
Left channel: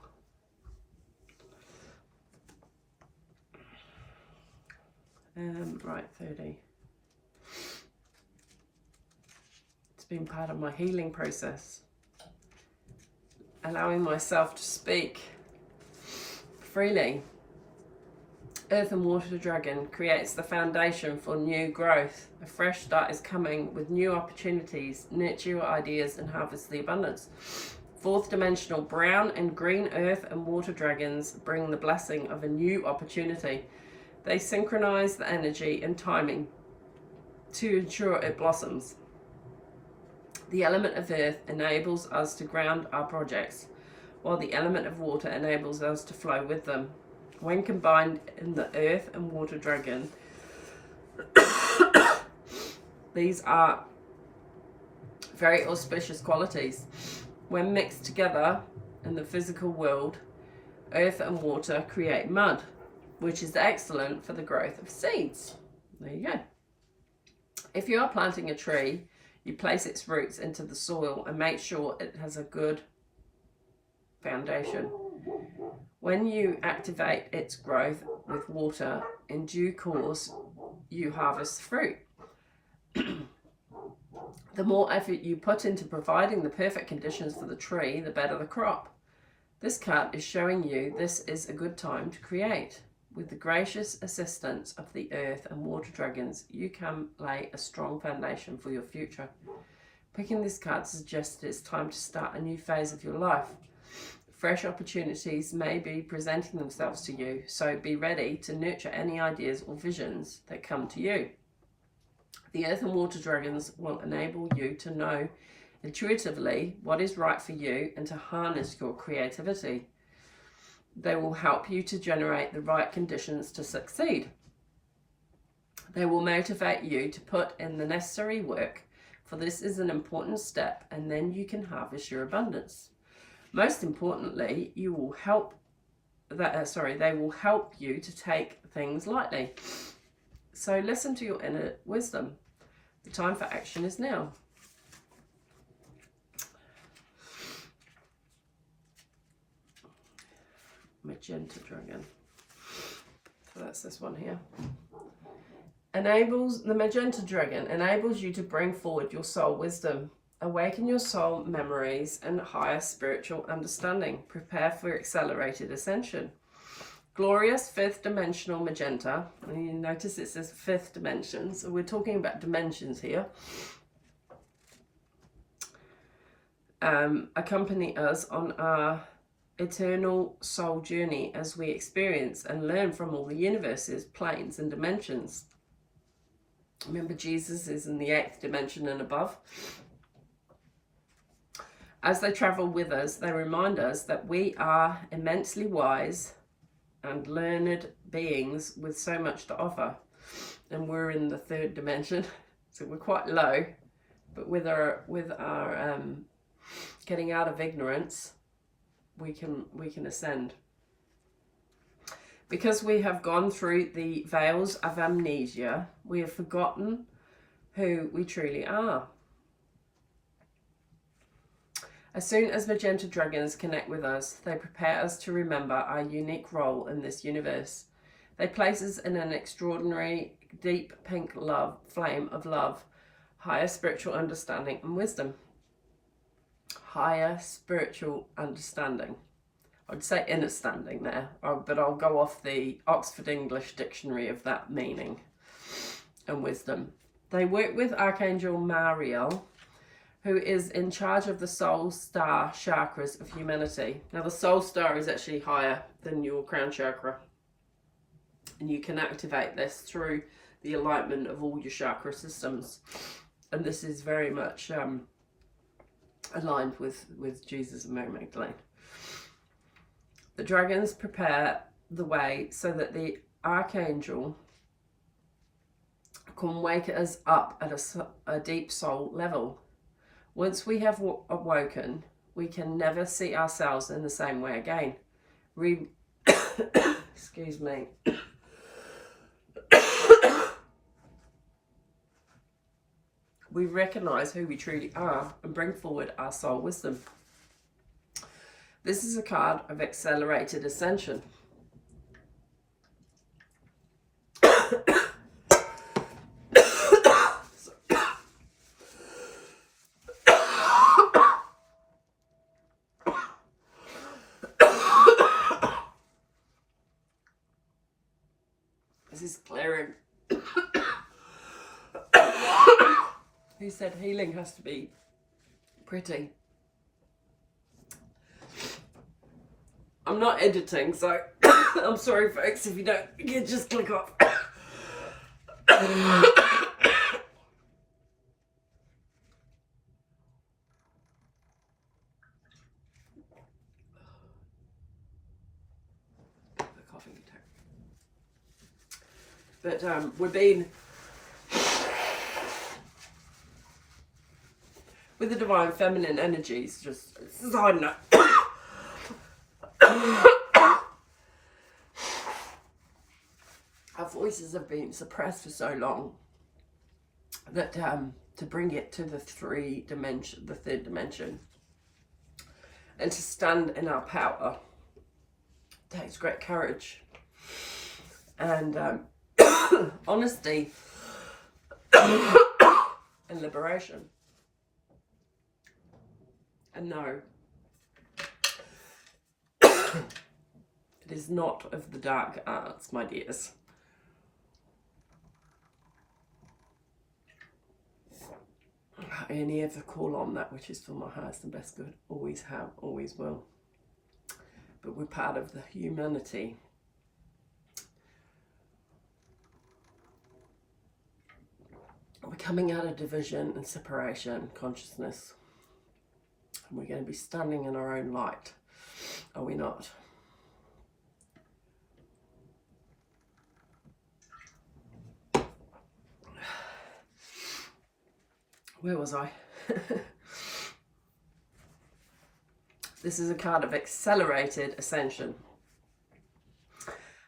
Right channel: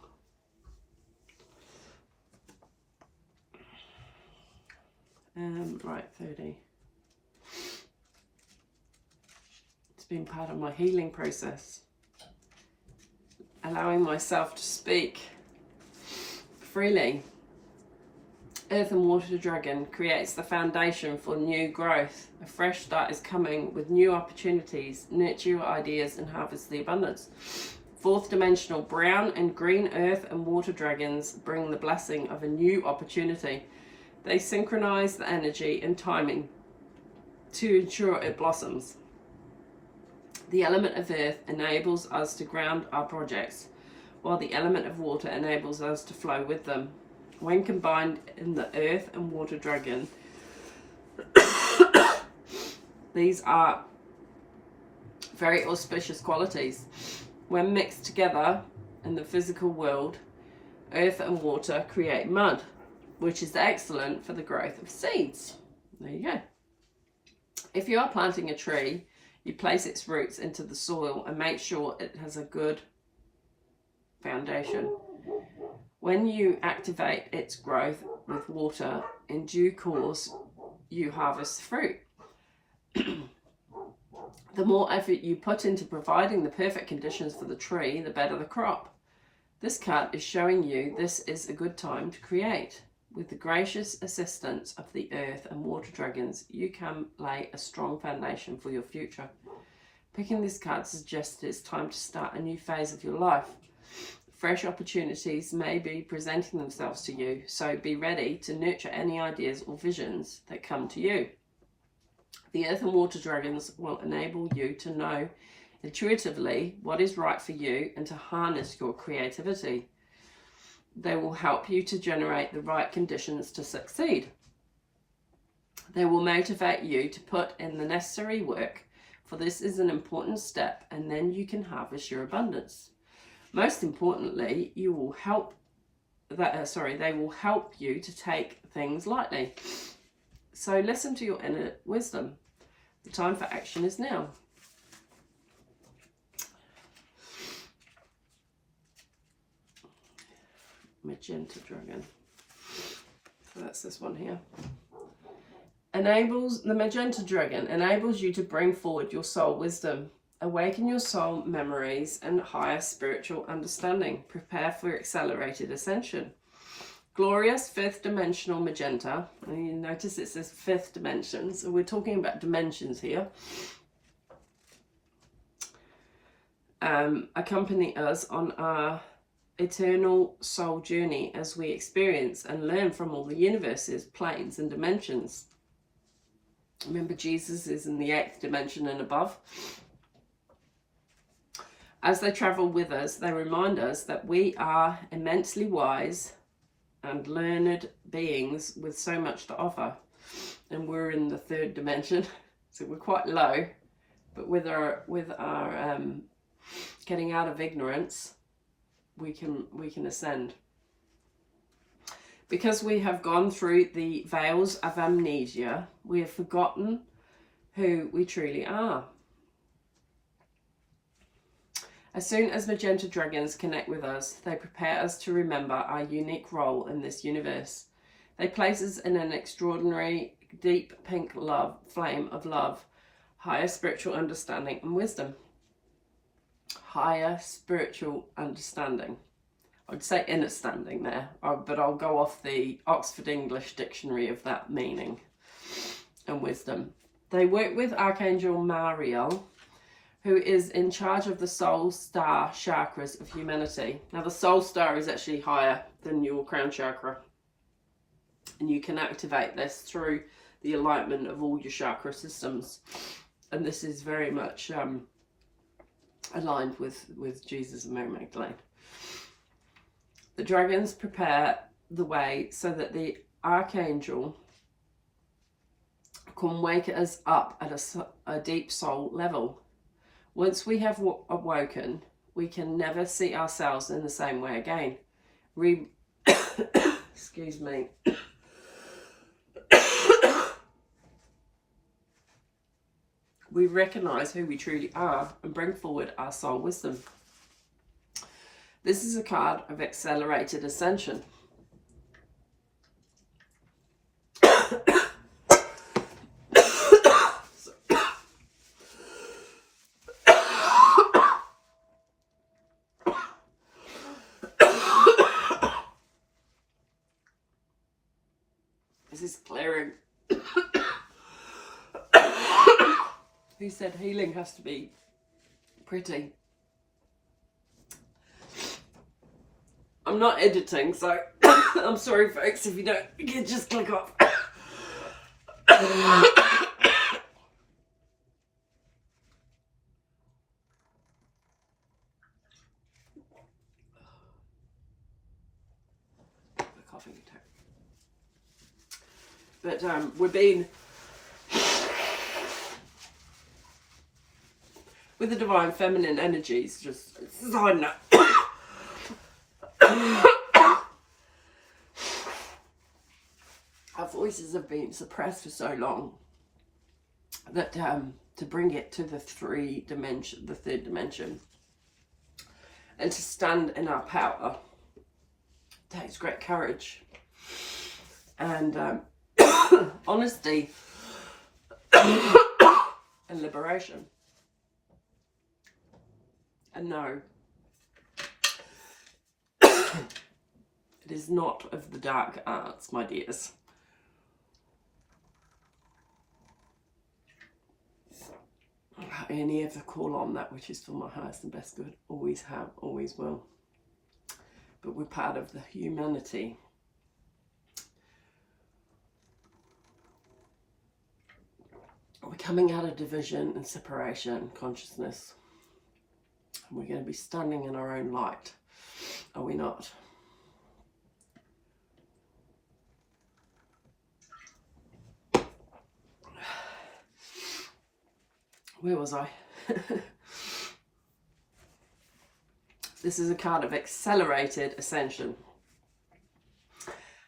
Right, 30. It's been part of my healing process. Allowing myself to speak freely. Earth and Water Dragon creates the foundation for new growth. A fresh start is coming with new opportunities. Nurture your ideas and harvest the abundance. Fourth dimensional brown and green Earth and Water Dragons bring the blessing of a new opportunity. They synchronize the energy and timing to ensure it blossoms. The element of Earth enables us to ground our projects, while the element of Water enables us to flow with them. When combined in the Earth and Water Dragon, these are very auspicious qualities. When mixed together in the physical world, earth and water create mud, which is excellent for the growth of seeds. There you go. If you are planting a tree, you place its roots into the soil and make sure it has a good foundation. When you activate its growth with water, in due course, you harvest fruit. The more effort you put into providing the perfect conditions for the tree, the better the crop. This card is showing you this is a good time to create. With the gracious assistance of the earth and water dragons, you can lay a strong foundation for your future. Picking this card suggests it's time to start a new phase of your life. Fresh opportunities may be presenting themselves to you, so be ready to nurture any ideas or visions that come to you. The earth and water dragons will enable you to know intuitively what is right for you and to harness your creativity. They will help you to generate the right conditions to succeed. They will motivate you to put in the necessary work, for this is an important step, and then you can harvest your abundance. Most importantly, they will help you to take things lightly. So listen to your inner wisdom. The time for action is now. Magenta dragon. So that's this one here. The magenta dragon enables you to bring forward your soul wisdom, awaken your soul memories and higher spiritual understanding. Prepare for accelerated ascension. Glorious fifth dimensional magenta, and you notice it says fifth dimension, so we're talking about dimensions here. Accompany us on our eternal soul journey as we experience and learn from all the universes, planes and dimensions. Remember, Jesus is in the 8th dimension and above. As they travel with us, they remind us that we are immensely wise and learned beings with so much to offer, and we're in the 3rd dimension, so we're quite low, but with our getting out of ignorance, we can ascend. Because we have gone through the veils of amnesia, we have forgotten who we truly are. As soon as magenta dragons connect with us, they prepare us to remember our unique role in this universe. They place us in an extraordinary, deep pink flame of love, higher spiritual understanding and wisdom. Higher spiritual understanding. I'd say inner standing there, but I'll go off the Oxford English Dictionary of that meaning and wisdom. They work with Archangel Mariel, who is in charge of the soul star chakras of humanity. Now, the soul star is actually higher than your crown chakra, and you can activate this through the alignment of all your chakra systems. And this is very much aligned with Jesus and Mary Magdalene. The dragons prepare the way so that the archangel can wake us up at a deep soul level. Once we have awoken, we can never see ourselves in the same way again. Excuse me. We recognize who we truly are and bring forward our soul wisdom. This is a card of accelerated ascension. This is clearing. Who said healing has to be pretty? I'm not editing, so I'm sorry folks if you don't, you can just click off. Coughing attack. But with the divine feminine energies, just side note. Our voices have been suppressed for so long that to bring it to the third dimension, and to stand in our power takes great courage and honesty and liberation. And no, it is not of the dark arts, my dears. I only ever call on that which is for my highest and best good. Always have, always will. But we're part of the humanity. We're coming out of division and separation consciousness. And we're going to be standing in our own light. Are we not? Where was I? This is a card of accelerated ascension.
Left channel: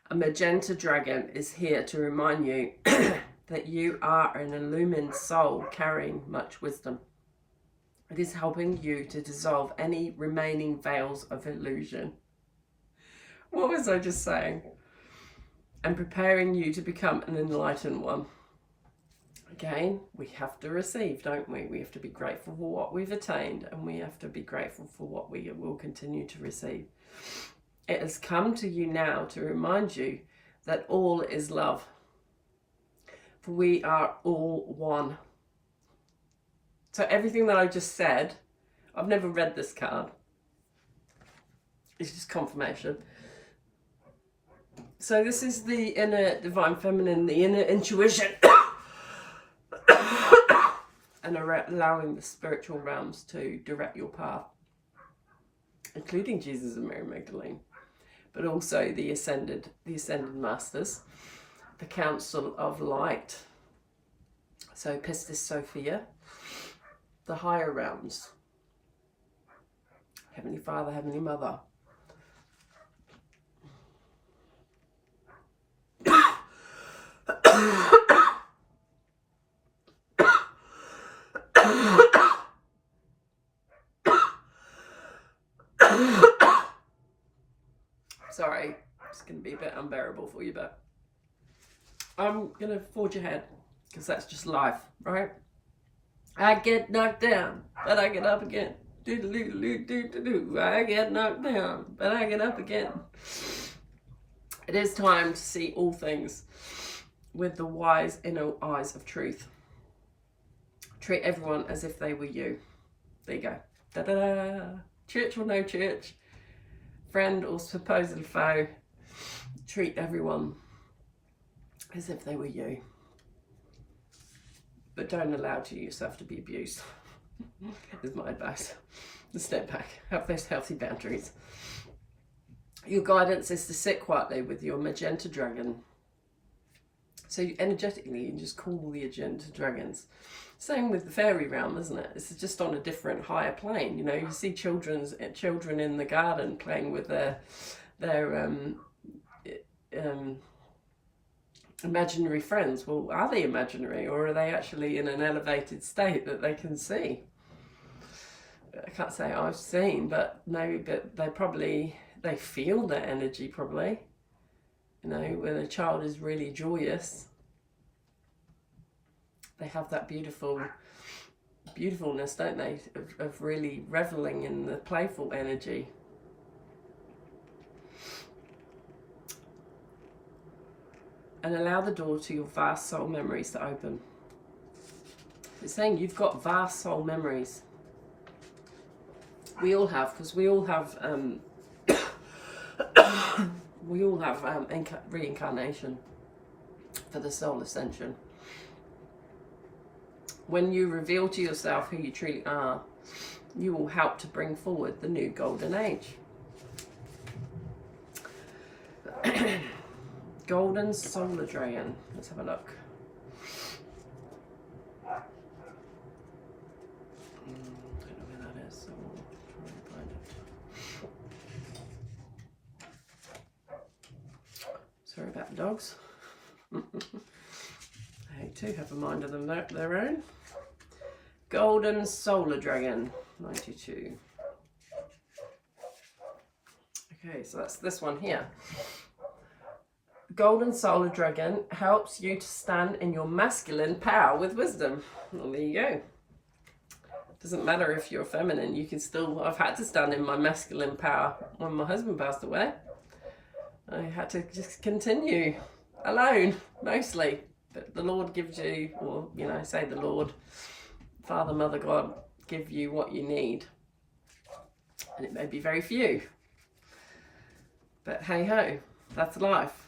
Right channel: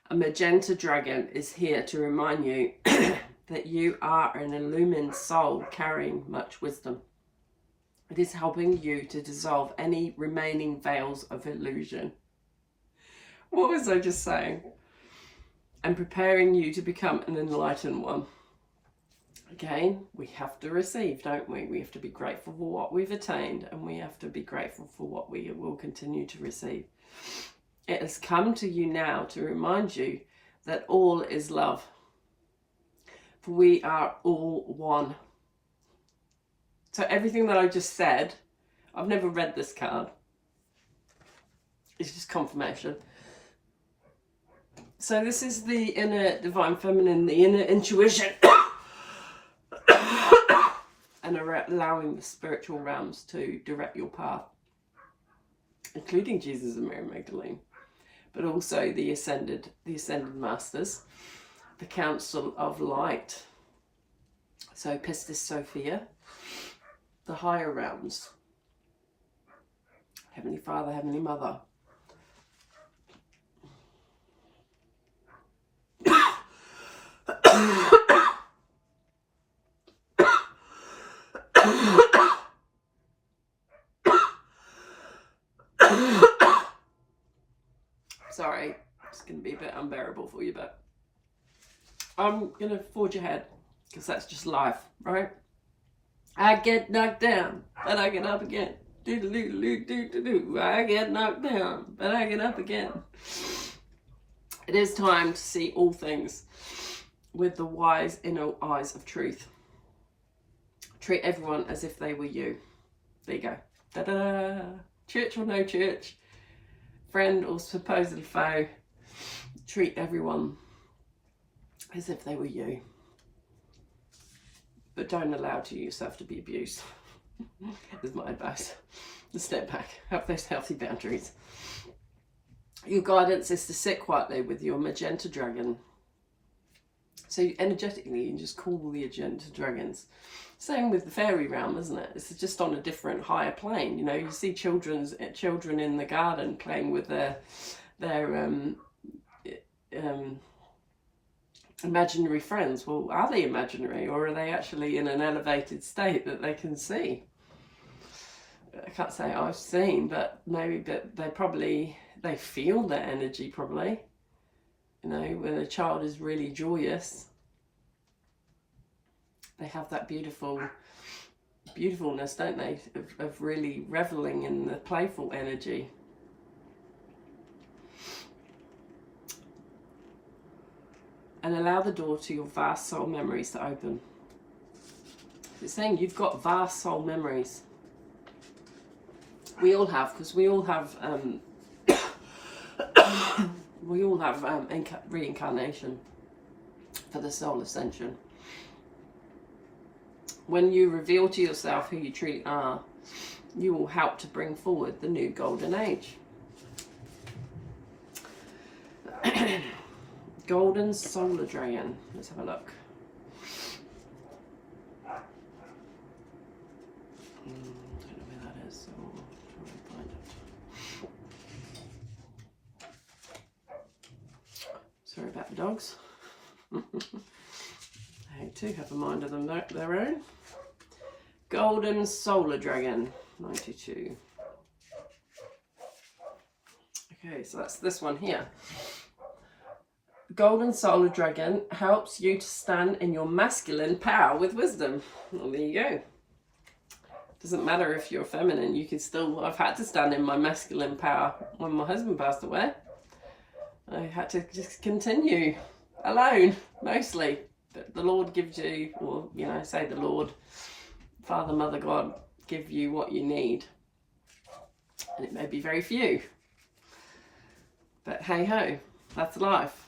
A magenta dragon is here to remind you that you are an illumined soul carrying much wisdom. It is helping you to dissolve any remaining veils of illusion. What was I just saying? And preparing you to become an enlightened one. Again, we have to receive, don't we? We have to be grateful for what we've attained, and we have to be grateful for what we will continue to receive. It has come to you now to remind you that all is love. For we are all one. So everything that I just said, I've never read this card. It's just confirmation. So this is the inner divine feminine, the inner intuition. And allowing the spiritual realms to direct your path, including Jesus and Mary Magdalene, but also the ascended masters, the Council of Light. So Pistis Sophia, the higher realms, Heavenly Father, Heavenly Mother. Sorry, it's going to be a bit unbearable for you, but I'm going to forge ahead because that's just life, right? I get knocked down, but I get up again. Do-do-do-do-do-do-do. I get knocked down, but I get up again. It is time to see all things with the wise inner eyes of truth. Treat everyone as if they were you. There you go. Da-da-da. Church or no church, friend or supposed foe, treat everyone as if they were you. But don't allow yourself to be abused, is my advice. Step back, have those healthy boundaries. Your guidance is to sit quietly with your magenta dragon. So energetically, you can just call the magenta dragons. Same with the fairy realm, isn't it? It's just on a different, higher plane. You know, you see children in the garden playing with their imaginary friends. Well, are they imaginary, or are they actually in an elevated state that they can see? I can't say I've seen, but maybe, but they feel their energy probably. You know, when a child is really joyous, they have that beautifulness, don't they, of really reveling in the playful energy. And allow the door to your vast soul memories to open. It's saying you've got vast soul memories. We all have, because we all have reincarnation for the soul ascension. When you reveal to yourself who you truly are, you will help to bring forward the new golden age. Golden solar dragon. Let's have a look. Sorry about the dogs. They too have a mind of them their own. Golden Solar Dragon, 92. Okay, so that's this one here. Golden Solar Dragon helps you to stand in your masculine power with wisdom. Well, there you go. Doesn't matter if you're feminine, you can still... I've had to stand in my masculine power when my husband passed away. I had to just continue alone, mostly. But the Lord gives you, or, you know, say the Lord, Father, Mother, God, give you what you need. And it may be very few. But hey ho, that's life.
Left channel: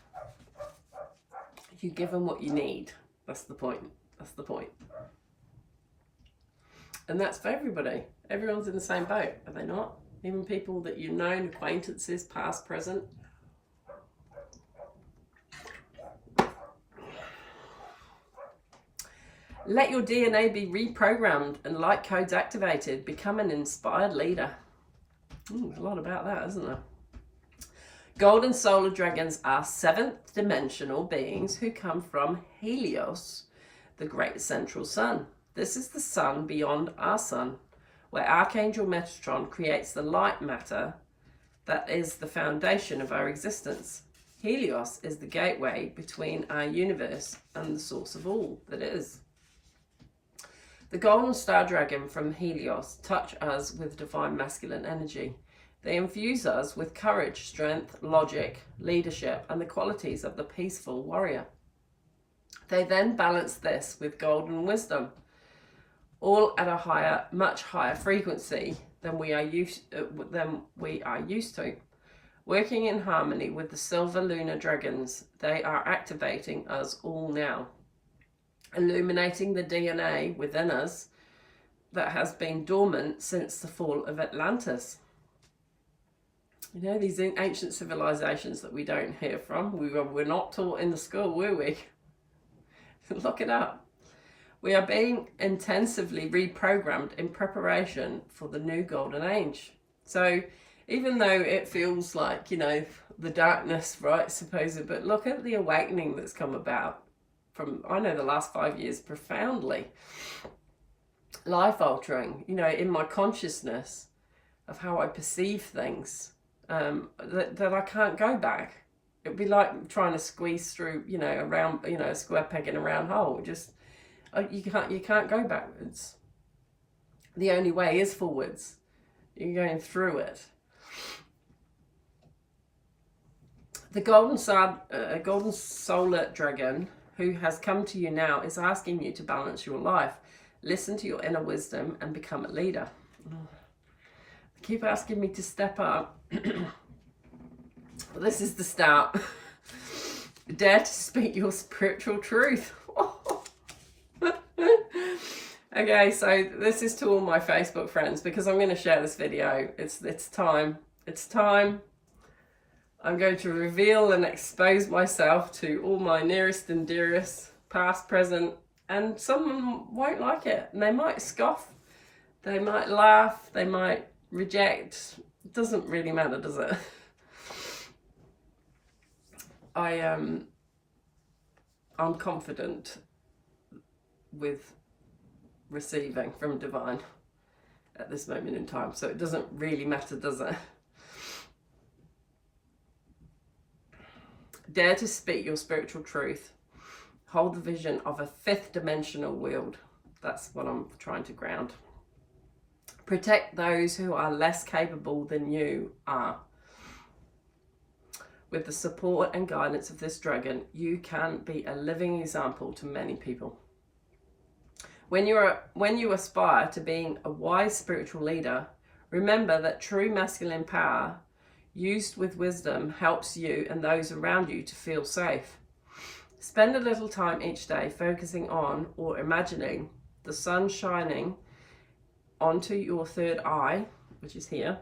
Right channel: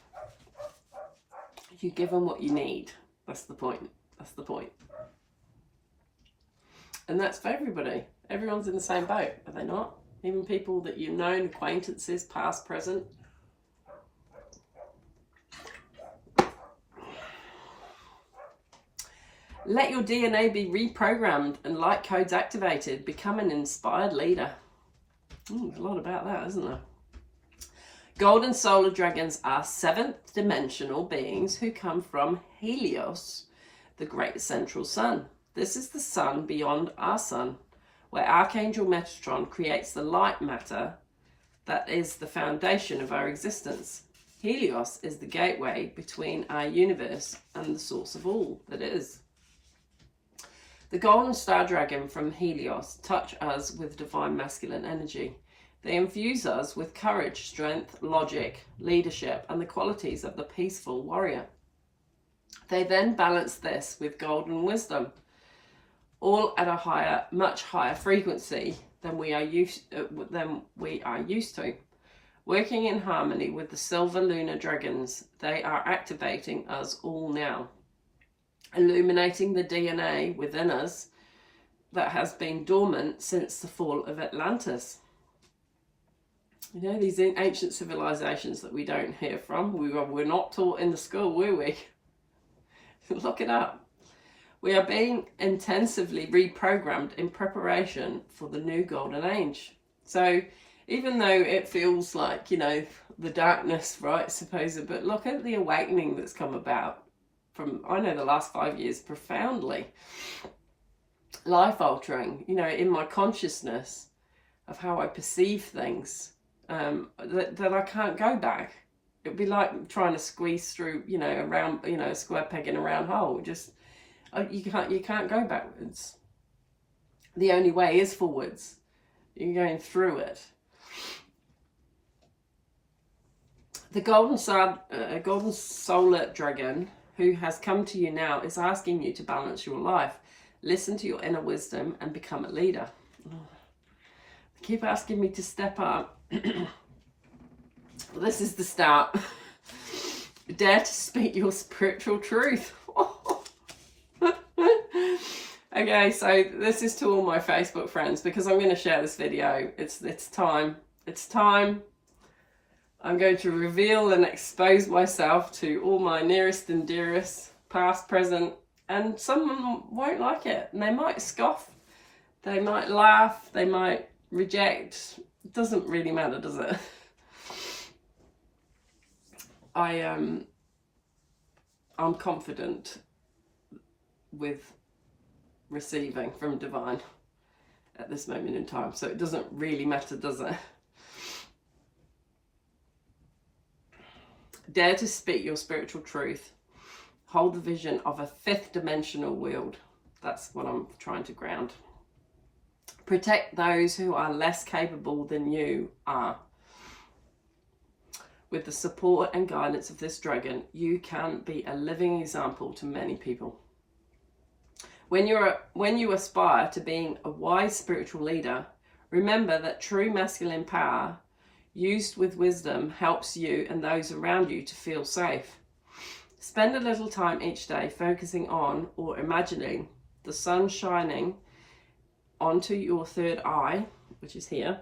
You give them what you need. That's the point. That's the point. And that's for everybody. Everyone's in the same boat, are they not? Even people that you've known, acquaintances, past, present. Let your DNA be reprogrammed and light codes activated. Become an inspired leader. There's a lot about that, isn't there? Golden Solar Dragons are 7th dimensional beings who come from Helios, the great central sun. This is the sun beyond our sun, where Archangel Metatron creates the light matter that is the foundation of our existence. Helios is the gateway between our universe and the source of all that is. The Golden Star Dragon from Helios touch us with divine masculine energy. They infuse us with courage, strength, logic, leadership, and the qualities of the peaceful warrior. They then balance this with golden wisdom, all at a higher, much higher frequency than we are used to. Working in harmony with the silver lunar dragons, they are activating us all now, illuminating the DNA within us that has been dormant since the fall of Atlantis. You know, these ancient civilizations that we don't hear from, we're not taught in the school, were we? Look it up. We are being intensively reprogrammed in preparation for the new golden age. So even though it feels like, you know, the darkness, right, supposed, but look at the awakening that's come about from, I know, the last 5 years, profoundly life altering, you know, in my consciousness of how I perceive things, that I can't go back. It'd be like trying to squeeze through, you know, around, you know, a square peg in a round hole. Just, you can't go backwards. The only way is forwards. You're going through it. The Golden Solar Dragon, who has come to you now, is asking you to balance your life. Listen to your inner wisdom and become a leader. They keep asking me to step up. This is the start. Dare to speak your spiritual truth. Okay, so this is to all my Facebook friends, because I'm going to share this video. It's time. It's time. I'm going to reveal and expose myself to all my nearest and dearest, past, present, and some won't like it. And they might scoff, they might laugh, they might reject. It doesn't really matter, does it? I'm confident with receiving from divine at this moment in time, so it doesn't really matter, does it? Dare to speak your spiritual truth. Hold the vision of a 5th dimensional world. That's what I'm trying to ground. Protect those who are less capable than you are. With the support and guidance of this dragon, you can be a living example to many people. When you aspire to being a wise spiritual leader, remember that true masculine power, used with wisdom, helps you and those around you to feel safe. Spend a little time each day focusing on or imagining the sun shining onto your 3rd eye, which is here,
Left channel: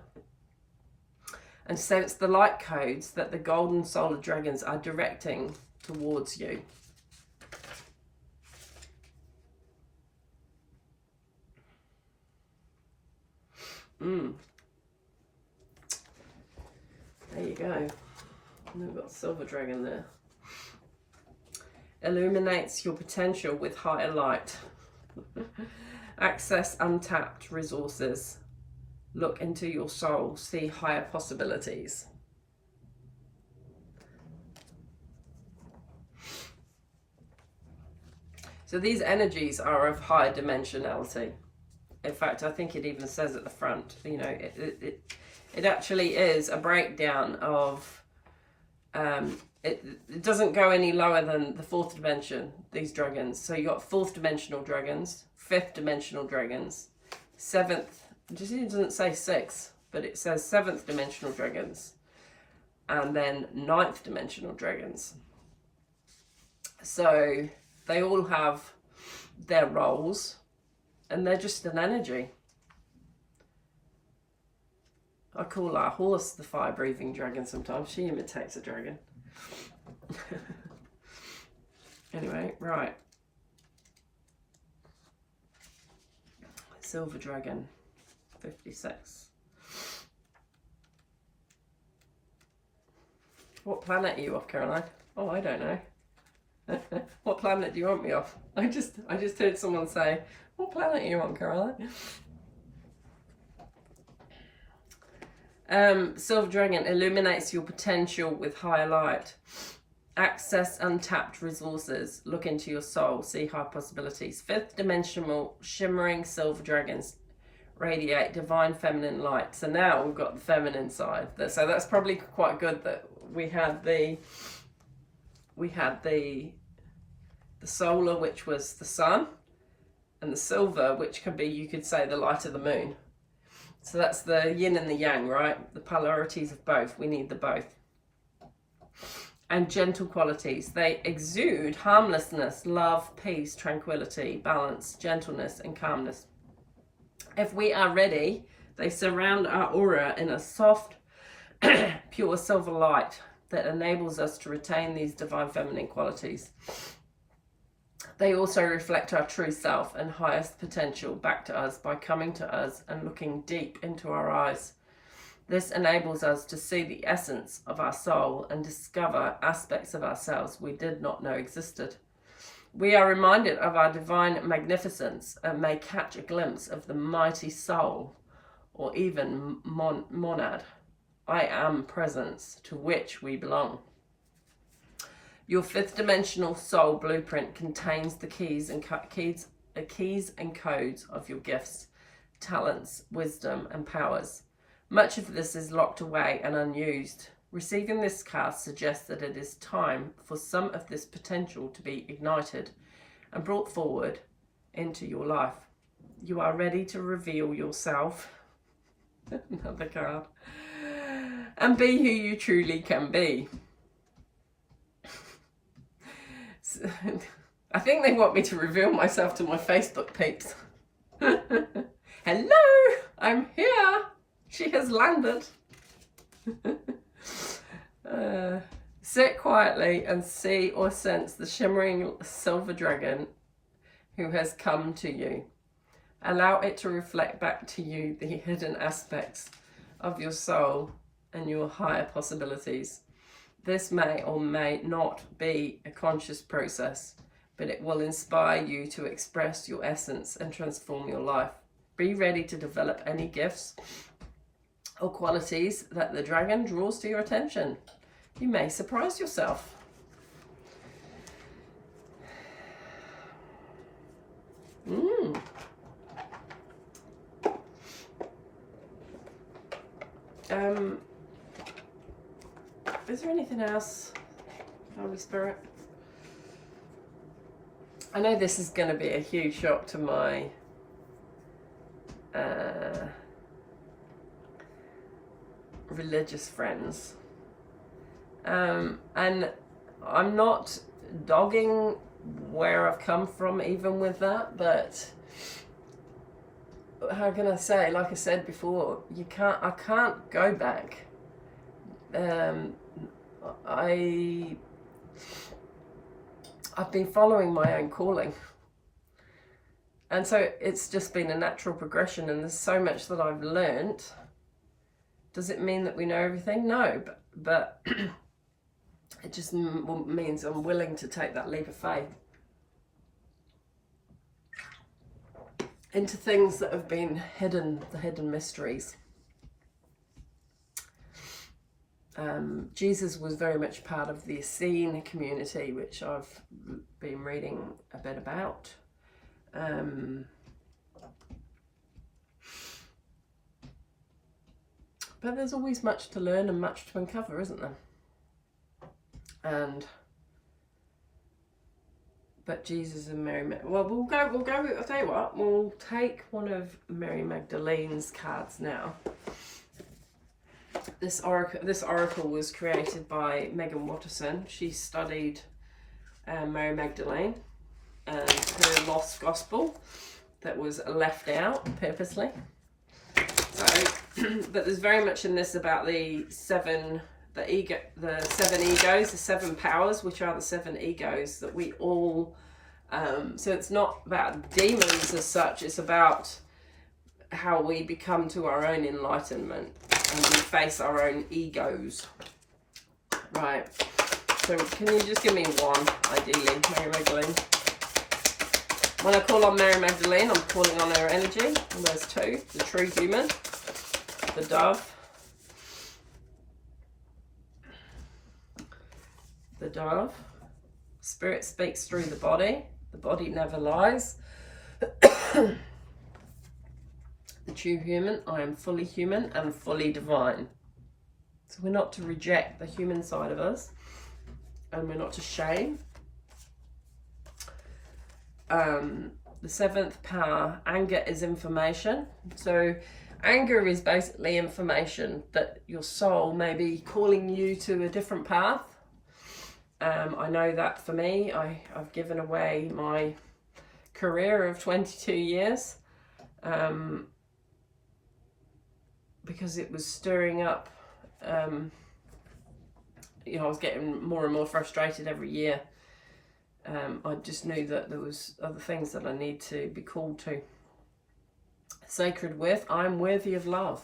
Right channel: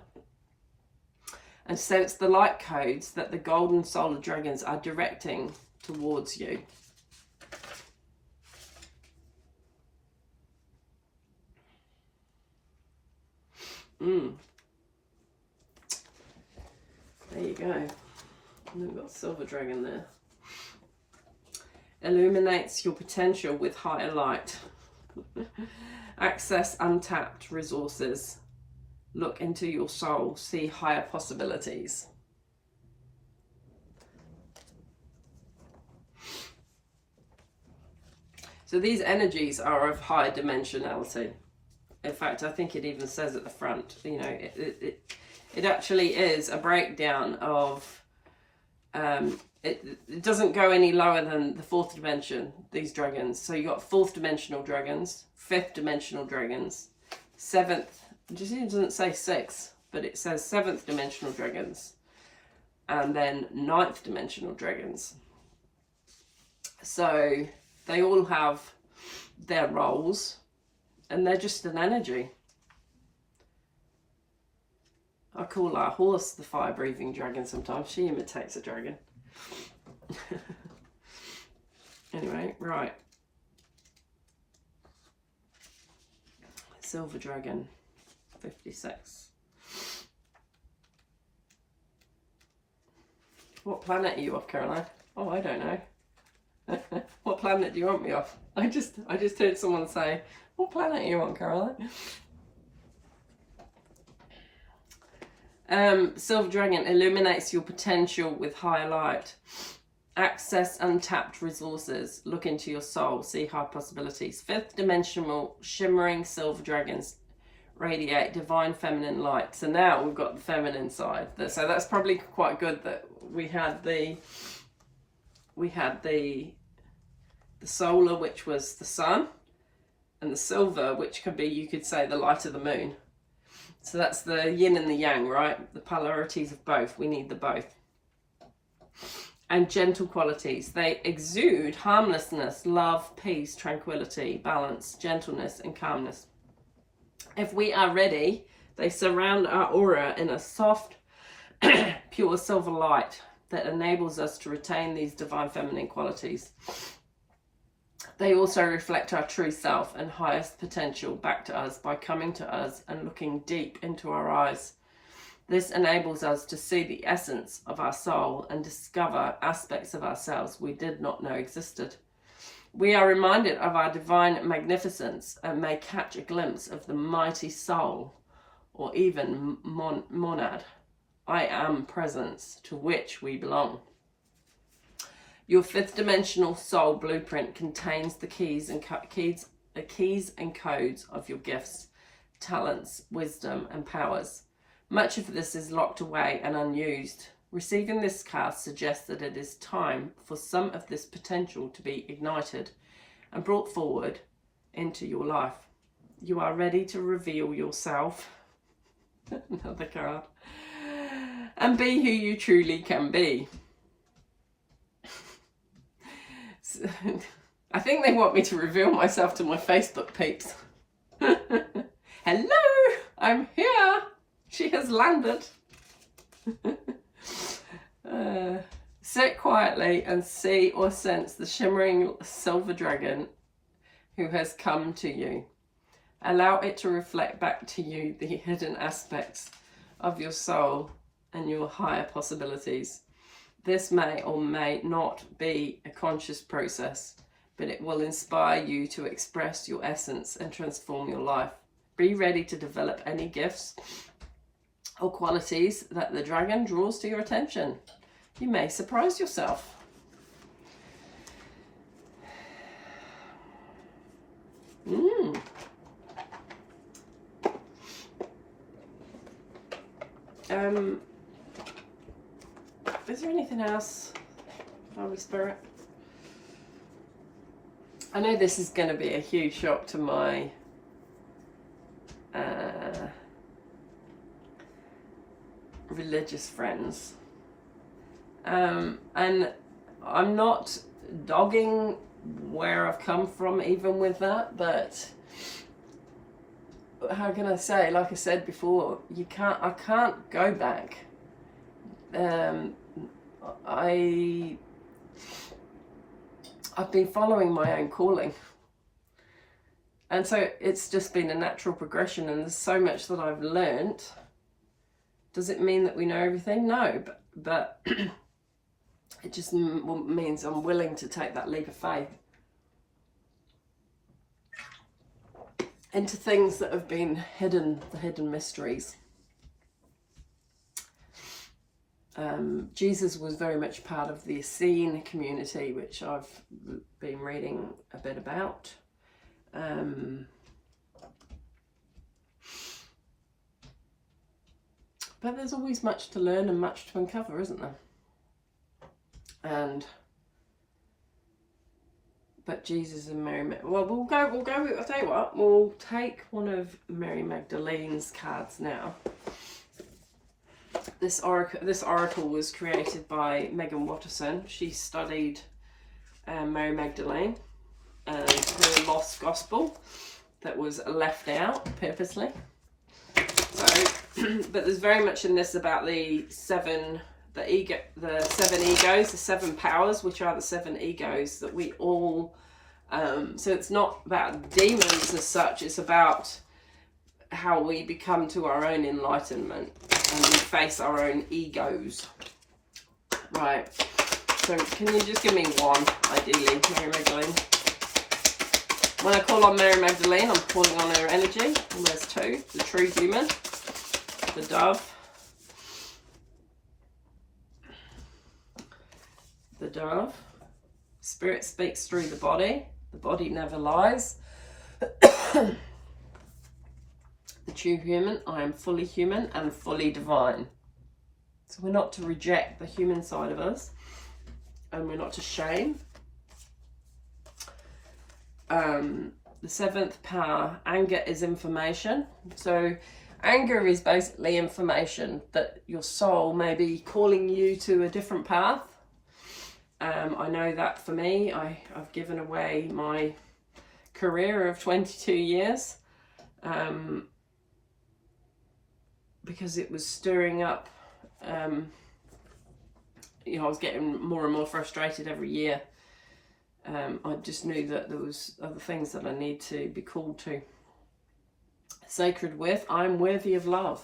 and sense the light codes that the Golden Solar Dragons are directing towards you. There you go. And we've got Silver Dragon there. illuminates your potential with higher light. Access untapped resources. Look into your soul, see higher possibilities. So these energies are of higher dimensionality. In fact, I think it even says at the front, you know, it actually is a breakdown of, it doesn't go any lower than the fourth dimension, these dragons. So you got fourth dimensional dragons, fifth dimensional dragons, seventh, it doesn't say sixth, but it says seventh dimensional dragons, and then ninth dimensional dragons. So they all have their roles, and they're just an energy. I call our horse the fire-breathing dragon sometimes. She imitates a dragon. Anyway, right. Silver dragon, 56. What planet are you off, Caroline? Oh, I don't know. What planet do you want me off? I just heard someone say, what planet are you on, Caroline? Silver dragon illuminates your potential with higher light. Access untapped resources. Look into your soul. See high possibilities. Fifth dimensional shimmering silver dragons radiate divine feminine light. So now we've got the feminine side. So that's probably quite good that we had the solar, which was the sun, and the silver, which could be, you could say, the light of the moon. So that's the yin and the yang, right? The polarities of both. We need the both. And gentle qualities. They exude harmlessness, love, peace, tranquility, balance, gentleness, and calmness. If we are ready, they surround our aura in a soft, pure silver light that enables us to retain these divine feminine qualities. They also reflect our true self and highest potential back to us by coming to us and looking deep into our eyes. This enables us to see the essence of our soul and discover aspects of ourselves we did not know existed. We are reminded of our divine magnificence and may catch a glimpse of the mighty soul, or even monad, I am presence, to which we belong. Your fifth dimensional soul blueprint contains the keys and codes of your gifts, talents, wisdom, and powers. Much of this is locked away and unused. Receiving this card suggests that it is time for some of this potential to be ignited and brought forward into your life. You are ready to reveal yourself, another card, and be who you truly can be. I think they want me to reveal myself to my Facebook peeps. Hello, I'm here. She has landed. Sit quietly and see or sense the shimmering silver dragon who has come to you. Allow it to reflect back to you the hidden aspects of your soul and your higher possibilities. This may or may not be a conscious process, but it will inspire you to express your essence and transform your life. Be ready to develop any gifts or qualities that the dragon draws to your attention. You may surprise yourself. Is there anything else, Holy Spirit? I know this is going to be a huge shock to my religious friends. And I'm not dogging where I've come from even with that, but how can I say, like I said before, I can't go back. I've been following my own calling, and so it's just been a natural progression, and there's so much that I've learned. Does it mean that we know everything? No, but It just means I'm willing to take that leap of faith into things that have been hidden, the hidden mysteries. Jesus was very much part of the Essene community, which I've been reading a bit about. But there's always much to learn and much to uncover, isn't there? But Jesus and Mary, well, we'll go, I'll tell you what, we'll take one of Mary Magdalene's cards now. This oracle was created by Megan Watterson. She studied Mary Magdalene and her lost gospel that was left out purposely. So, but there's very much in this about the seven egos, the seven powers, which are the seven egos that we all, so it's not about demons as such, it's about how we come to our own enlightenment and we face our own egos. Right, so can you just give me one, ideally, Mary Magdalene? When I call on Mary Magdalene, I'm calling on her energy, and there's two: the true human, the dove. The dove. Spirit speaks through the body never lies. The true human, I am fully human and fully divine. So we're not to reject the human side of us, and we're not to shame. The seventh power, anger is information. So anger is basically information that your soul may be calling you to a different path. I know that for me, I've given away my career of 22 years because it was stirring up, I was getting more and more frustrated every year. I just knew that there was other things that I need to be called to. Sacred with, I'm worthy of love.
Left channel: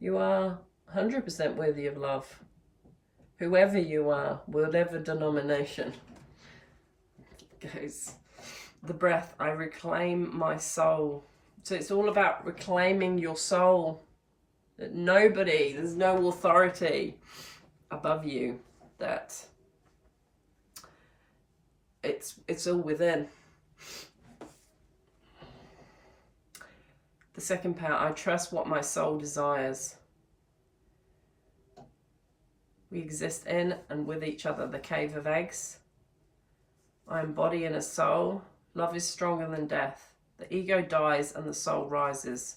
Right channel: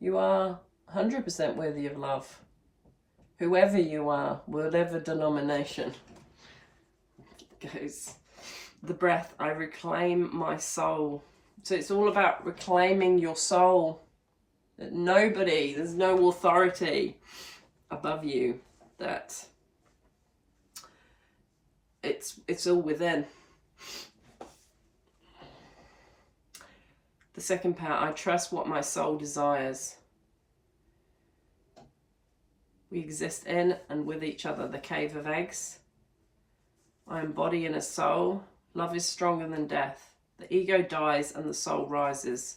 You are 100% worthy of love. Whoever you are, whatever denomination. Goes the breath, I reclaim my soul. So it's all about reclaiming your soul. That there's no authority above you. That it's all within. The second power, I trust what my soul desires. We exist in and with each other, the cave of eggs. I am body and a soul. Love is stronger than death. The ego dies and the soul rises.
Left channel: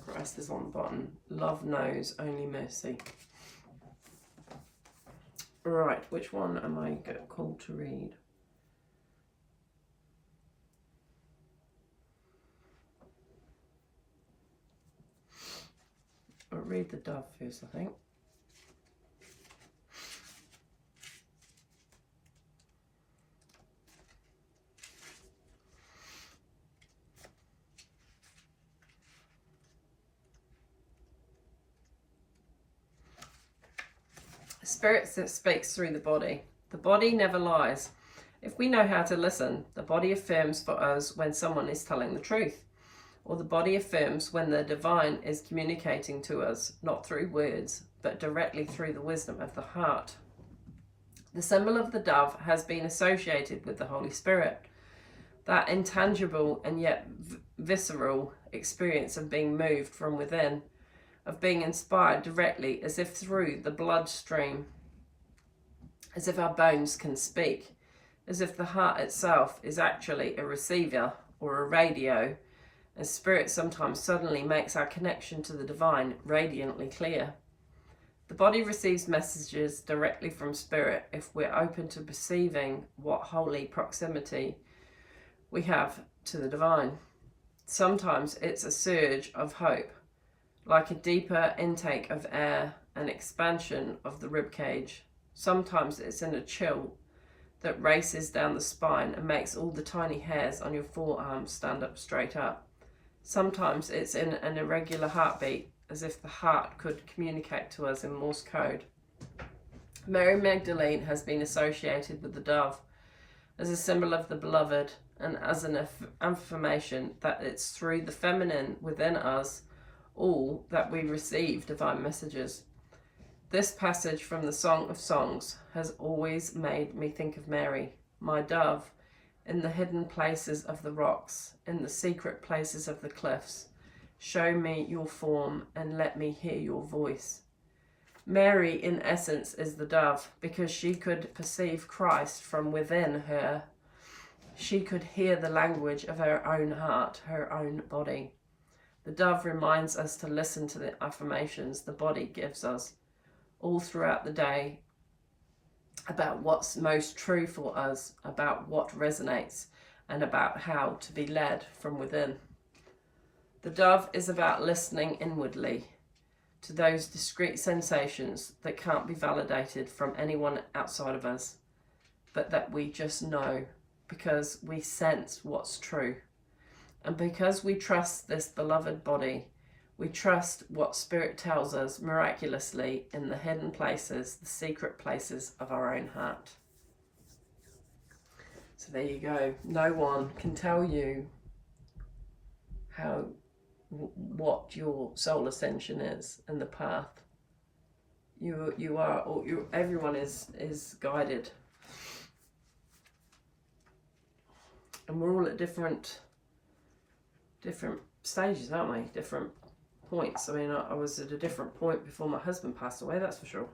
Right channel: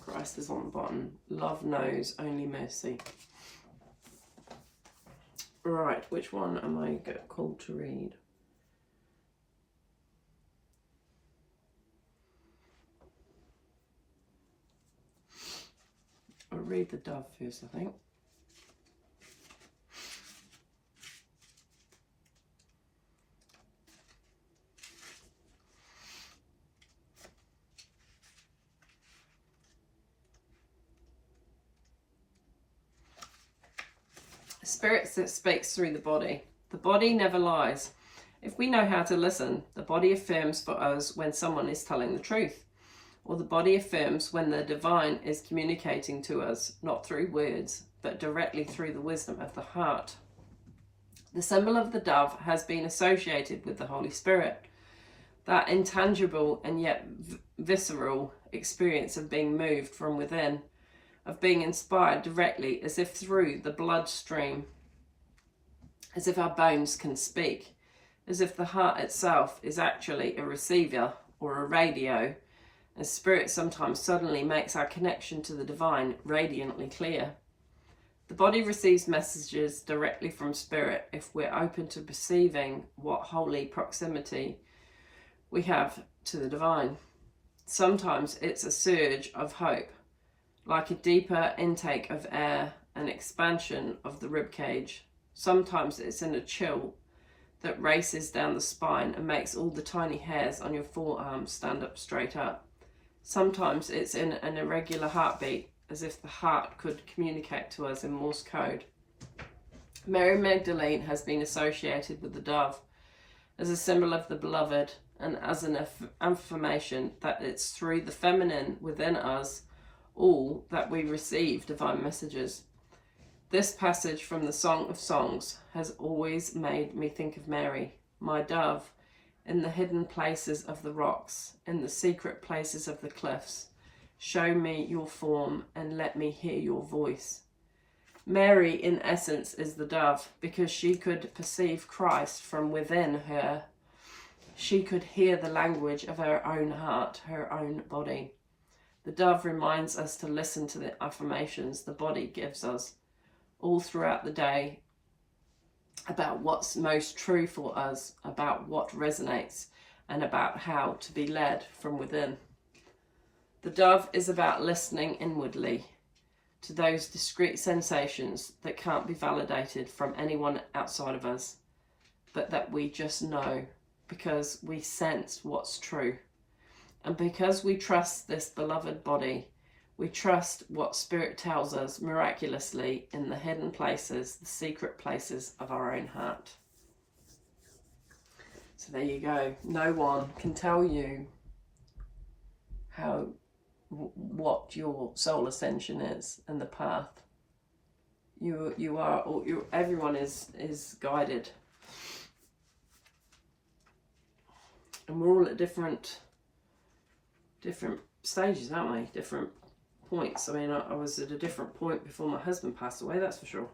Christ is on the bottom. Love knows only mercy. Right, which one am I called to read? I'll read the dove first, I think. Spirit that speaks through the body. The body never lies. If we know how to listen, the body affirms for us when someone is telling the truth, or the body affirms when the divine is communicating to us, not through words, but directly through the wisdom of the heart. The symbol of the dove has been associated with the Holy Spirit, that intangible and yet visceral experience of being moved from within, of being inspired directly as if through the bloodstream, as if our bones can speak, as if the heart itself is actually a receiver or a radio, and spirit sometimes suddenly makes our connection to the divine radiantly clear. The body receives messages directly from spirit if we're open to perceiving what holy proximity we have to the divine. Sometimes it's a surge of hope, like a deeper intake of air, an expansion of the rib cage. Sometimes it's in a chill that races down the spine and makes all the tiny hairs on your forearms stand up straight up. Sometimes it's in an irregular heartbeat, as if the heart could communicate to us in Morse code. Mary Magdalene has been associated with the dove as a symbol of the beloved and as an affirmation that it's through the feminine within us all that we receive divine messages. This passage from the Song of Songs has always made me think of Mary, my dove, in the hidden places of the rocks, in the secret places of the cliffs. Show me your form and let me hear your voice. Mary, in essence, is the dove because she could perceive Christ from within her. She could hear the language of her own heart, her own body. The dove reminds us to listen to the affirmations the body gives us all throughout the day about what's most true for us, about what resonates, and about how to be led from within. The dove is about listening inwardly to those discrete sensations that can't be validated from anyone outside of us, but that we just know because we sense what's true. And because we trust this beloved body, we trust what Spirit tells us miraculously in the hidden places, the secret places of our own heart. So there you go. No one can tell you what your soul ascension is and the path. Everyone is guided, and we're all at different stages, aren't we? Different points. I mean, I was at a different point before my husband passed away, that's for sure.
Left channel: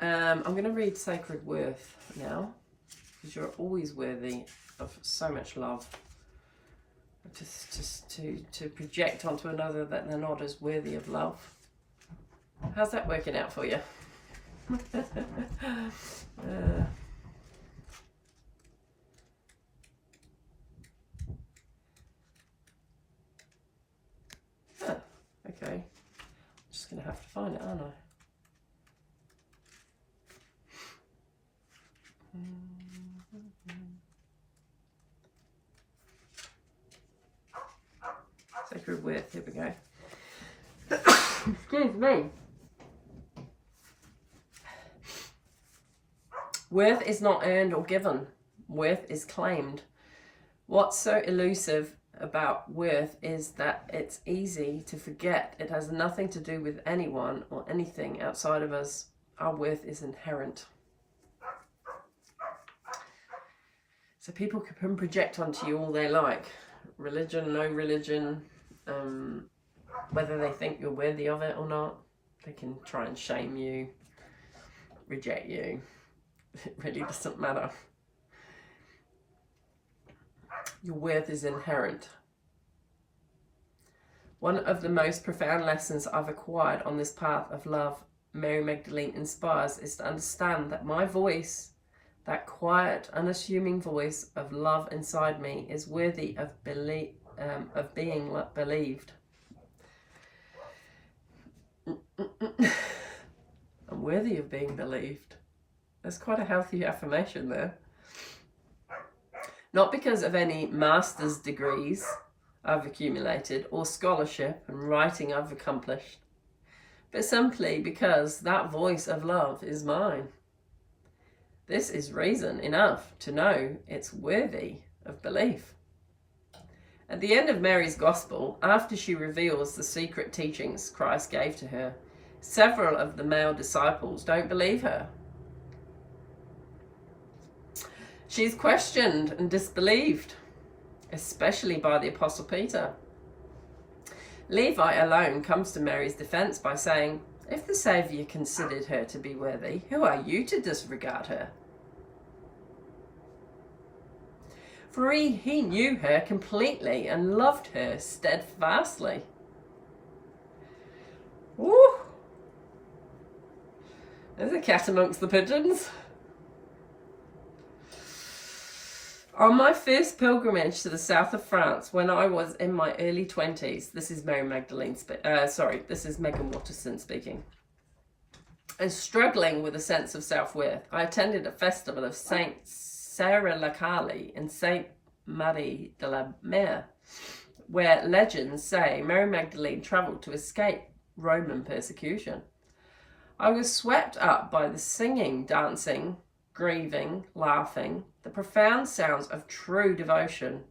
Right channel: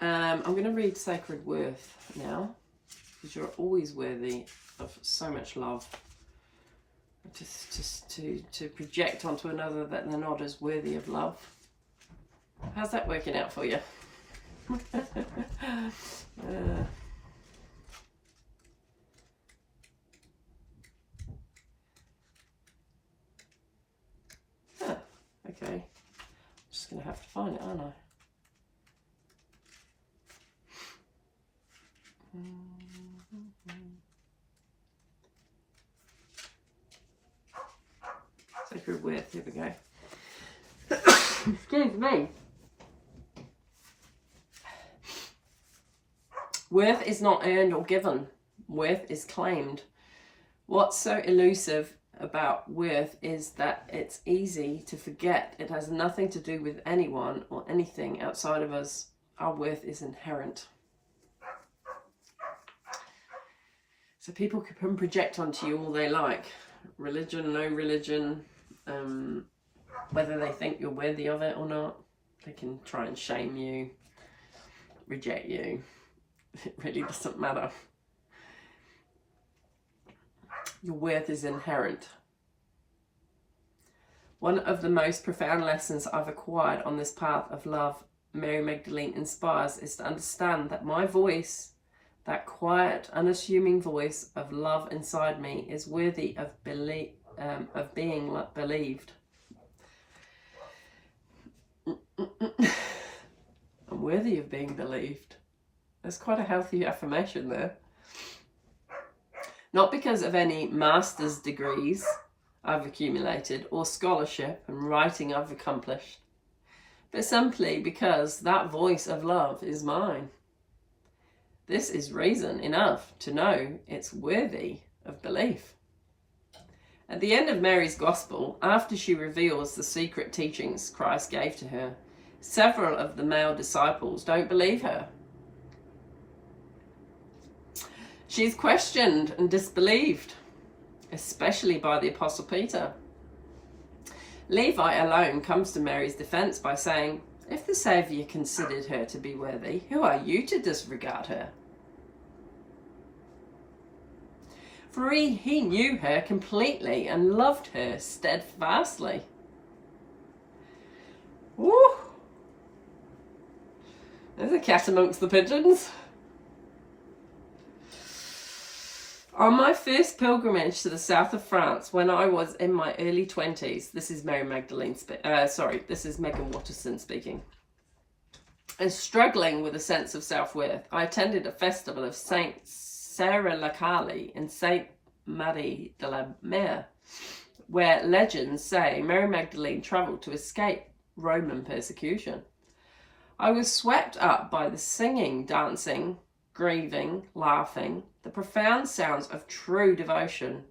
I'm going to read Sacred Worth now, because you're always worthy of so much love. To project onto another that they're not as worthy of love. How's that working out for you? Okay. I'm just going to have to find it, aren't I? Sacred Worth, here we go. Excuse me. Worth is not earned or given. Worth is claimed. What's so elusive about worth is that it's easy to forget it has nothing to do with anyone or anything outside of us. Our worth is inherent. So people can project onto you all they like. Religion, no religion, whether they think you're worthy of it or not. They can try and shame you, reject you. It really doesn't matter. Your worth is inherent. One of the most profound lessons I've acquired on this path of love Mary Magdalene inspires is to understand that my voice, that quiet, unassuming voice of love inside me, is worthy of being believed. I'm worthy of being believed. There's quite a healthy affirmation there. Not because of any master's degrees I've accumulated or scholarship and writing I've accomplished, but simply because that voice of love is mine. This is reason enough to know it's worthy of belief. At the end of Mary's Gospel, after she reveals the secret teachings Christ gave to her, several of the male disciples don't believe her. She's questioned and disbelieved, especially by the Apostle Peter. Levi alone comes to Mary's defense by saying, "If the Saviour considered her to be worthy, who are you to disregard her?" For he knew her completely and loved her steadfastly. Woo! There's a cat amongst the pigeons. On my first pilgrimage to the south of France, when I was in my early 20s, this is Mary Magdalene, this is Megan Watterson speaking, and struggling with a sense of self-worth, I attended a festival of Saint Sarah Lacali in Saint Marie de la Mer, where legends say Mary Magdalene travelled to escape Roman persecution. I was swept up by the singing, dancing, grieving, laughing, the profound sounds of true devotion.